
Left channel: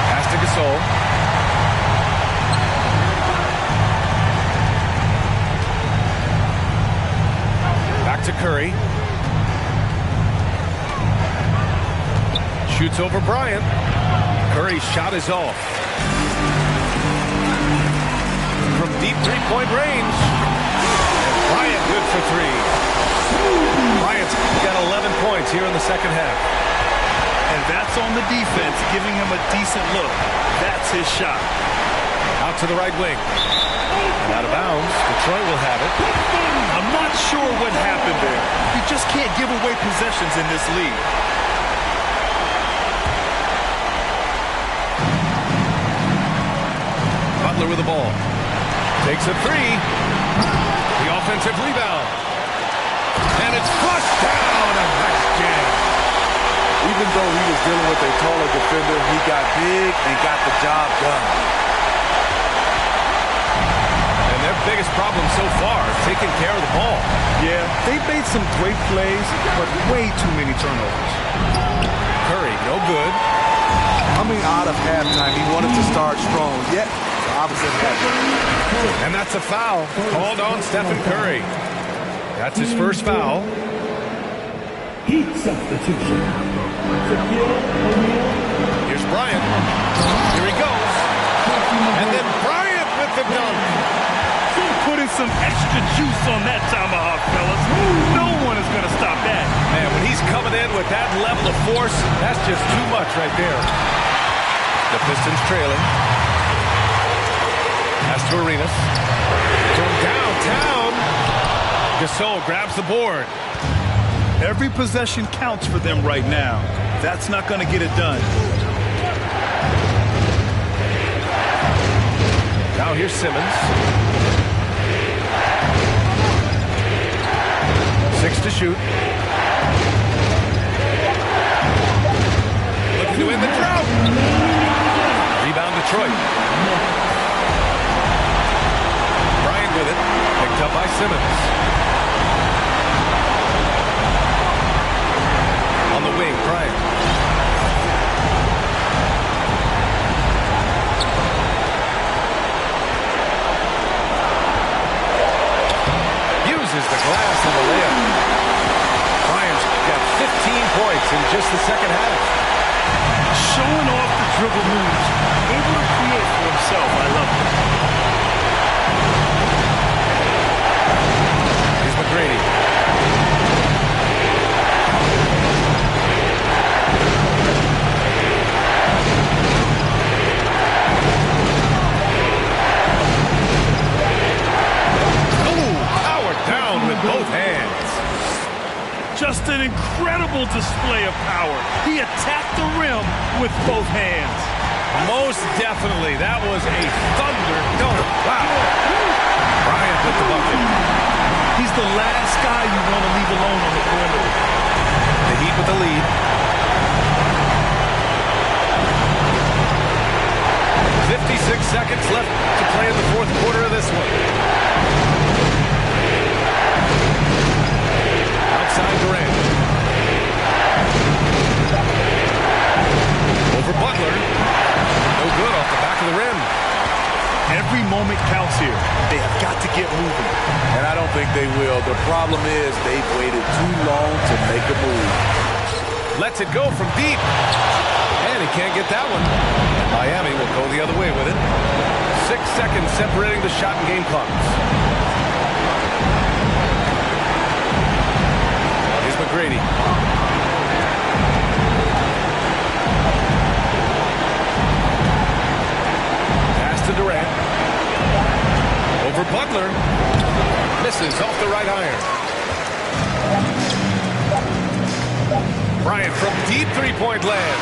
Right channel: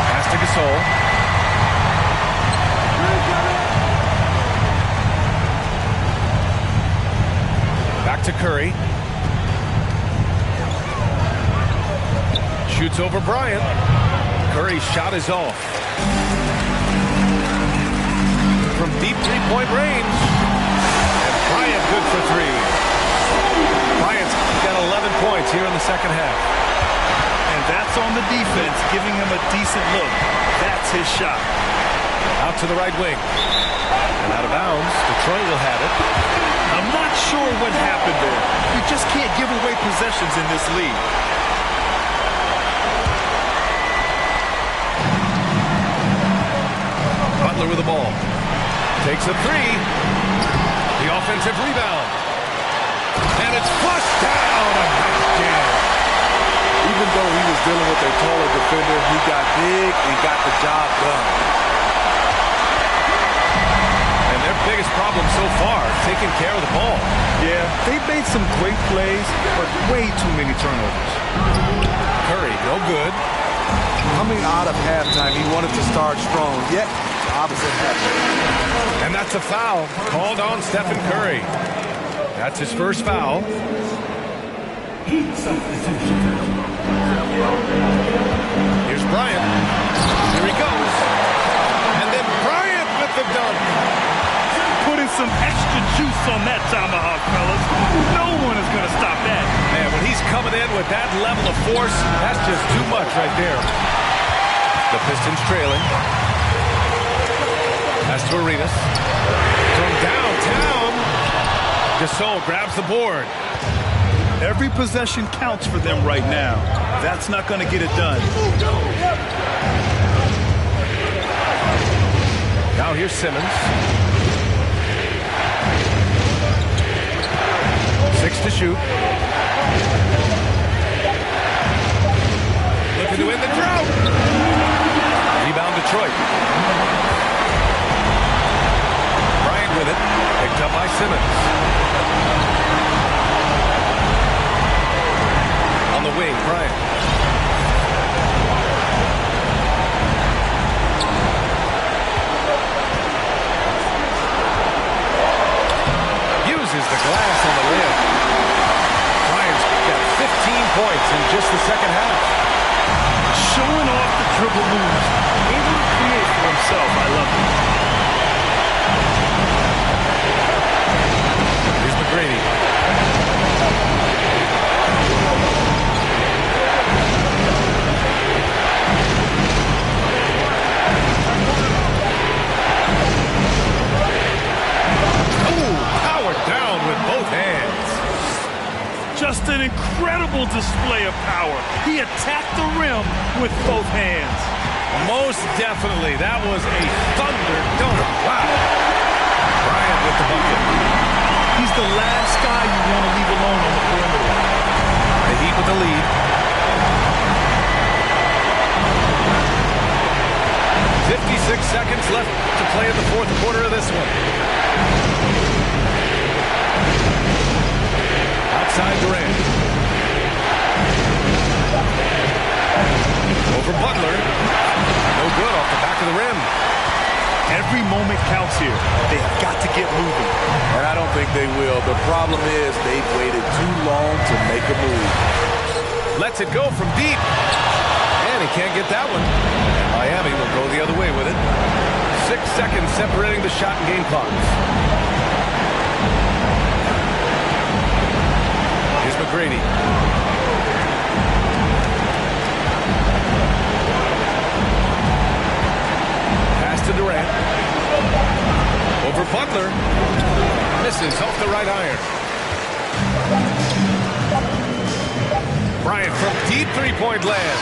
Pass to Gasol. Back to Curry. Shoots over Bryant. Curry's shot is off. From deep three-point range. And Bryant good for 3. Bryant's got 11 points here in the second half. And that's on the defense, giving him a decent look. That's his shot. Out to the right wing. And out of bounds. Detroit will have it. I'm not sure what happened there. You just can't give away possessions in this league. Butler with the ball. Takes a 3. The offensive rebound. And it's flushed down. A nice jam. Even though he was dealing with a taller defender, he got big and got the job done. And their biggest problem so far, taking care of the ball. Yeah, they made some great plays, but way too many turnovers. Curry, no good. Coming out of halftime, he wanted to start strong, yet the opposite happened. And that's a foul called on Stephen Curry. That's his first foul. Heat substitution. Here's Bryant. Here he goes. And then Bryant with the dunk. Putting some extra juice on that tomahawk, fellas. No one is going to stop that. Man, when he's coming in with that level of force, that's just too much right there. The Pistons trailing. Pass to Arenas. From downtown, Gasol grabs the board. Every possession counts for them right now. That's not going to get it done. Now here's Simmons. 6 to shoot. Looking to end the drought. Rebound Detroit. Bryant with it. Picked up by Simmons. On the wing, Bryant. Uses the glass on the layup. Bryant's got 15 points in just the second half. Showing off the dribble moves. Able to create for himself. I love it. Here's McGrady. Down with both hands. Just an incredible display of power. He attacked the rim with both hands. Most definitely. That was a thunder dunk. Wow. Bryant with the bucket. He's the last guy you want to leave alone on the perimeter. The Heat with the lead. 56 seconds left to play in the fourth quarter of this one. side Durant. Over Butler. No good off the back of the rim. Every moment counts here. They have got to get moving. And I don't think they will. The problem is they've waited too long to make a move. Lets it go from deep. And he can't get that one. And Miami will go the other way with it. 6 seconds separating the shot and game clocks. Here's McGrady. Pass to Durant. Over Butler. Misses off the right iron. Bryant from deep three-point land.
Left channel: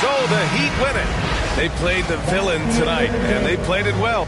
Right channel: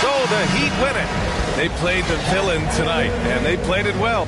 So the Heat win it. They played the villain tonight, and they played it well.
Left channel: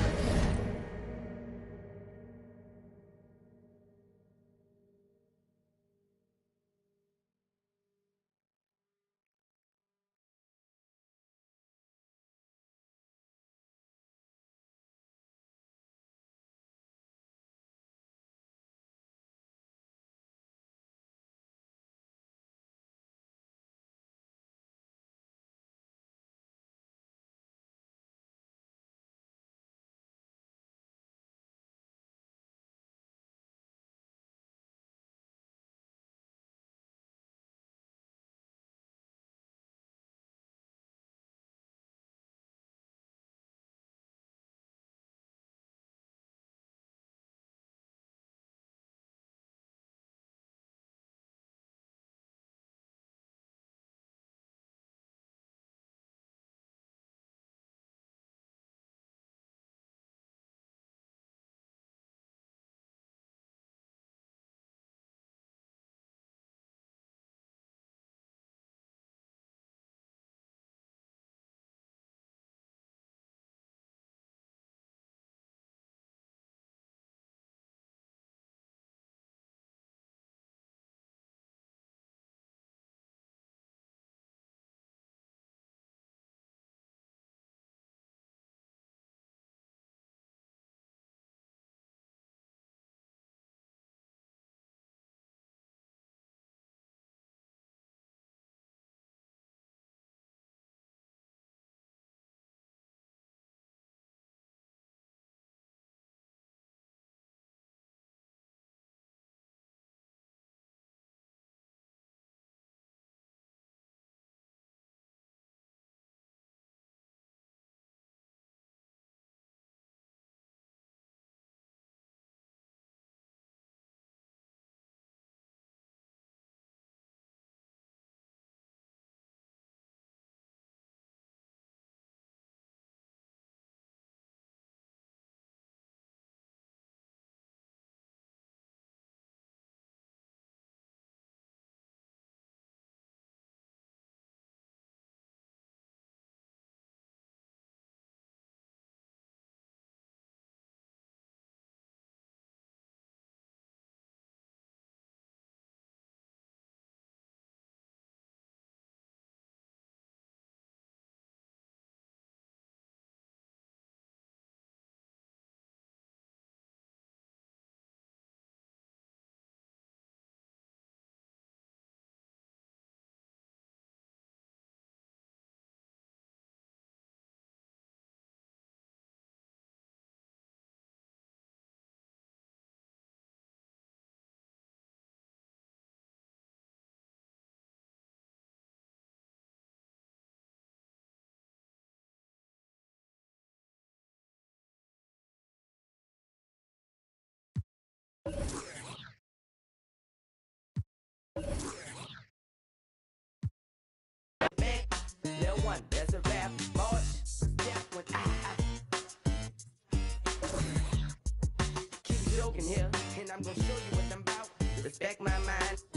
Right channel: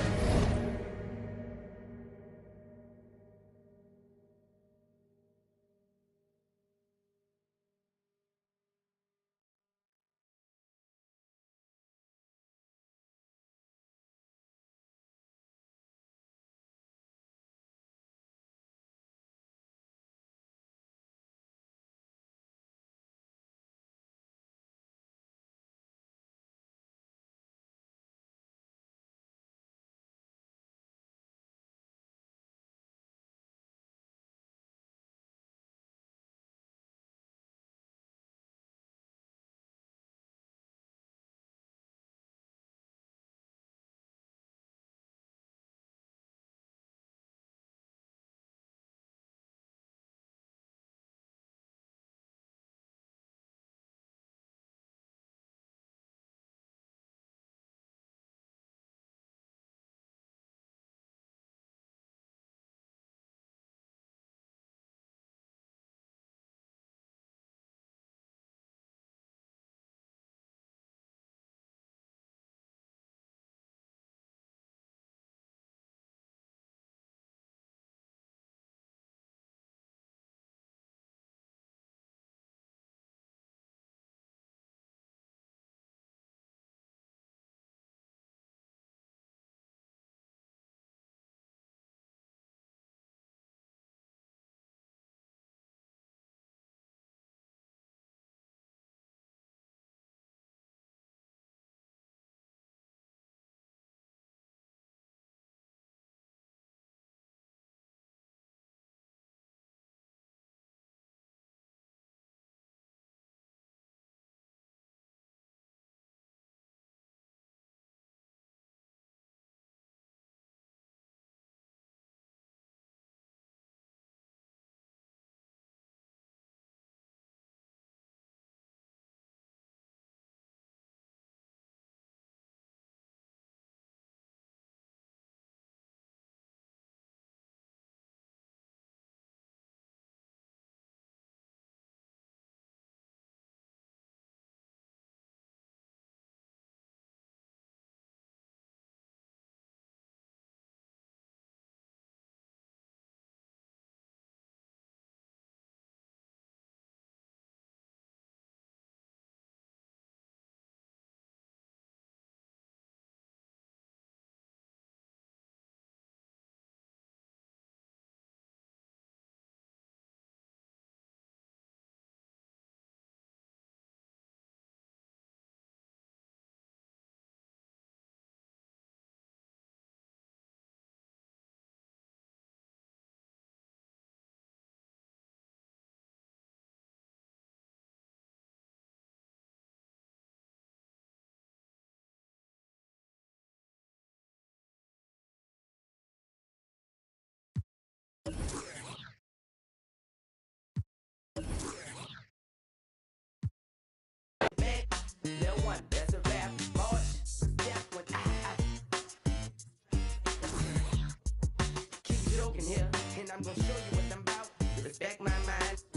Little one, there's a rap boy. Step when keep joking here, and I'm gonna show you what I'm about. Respect my mind.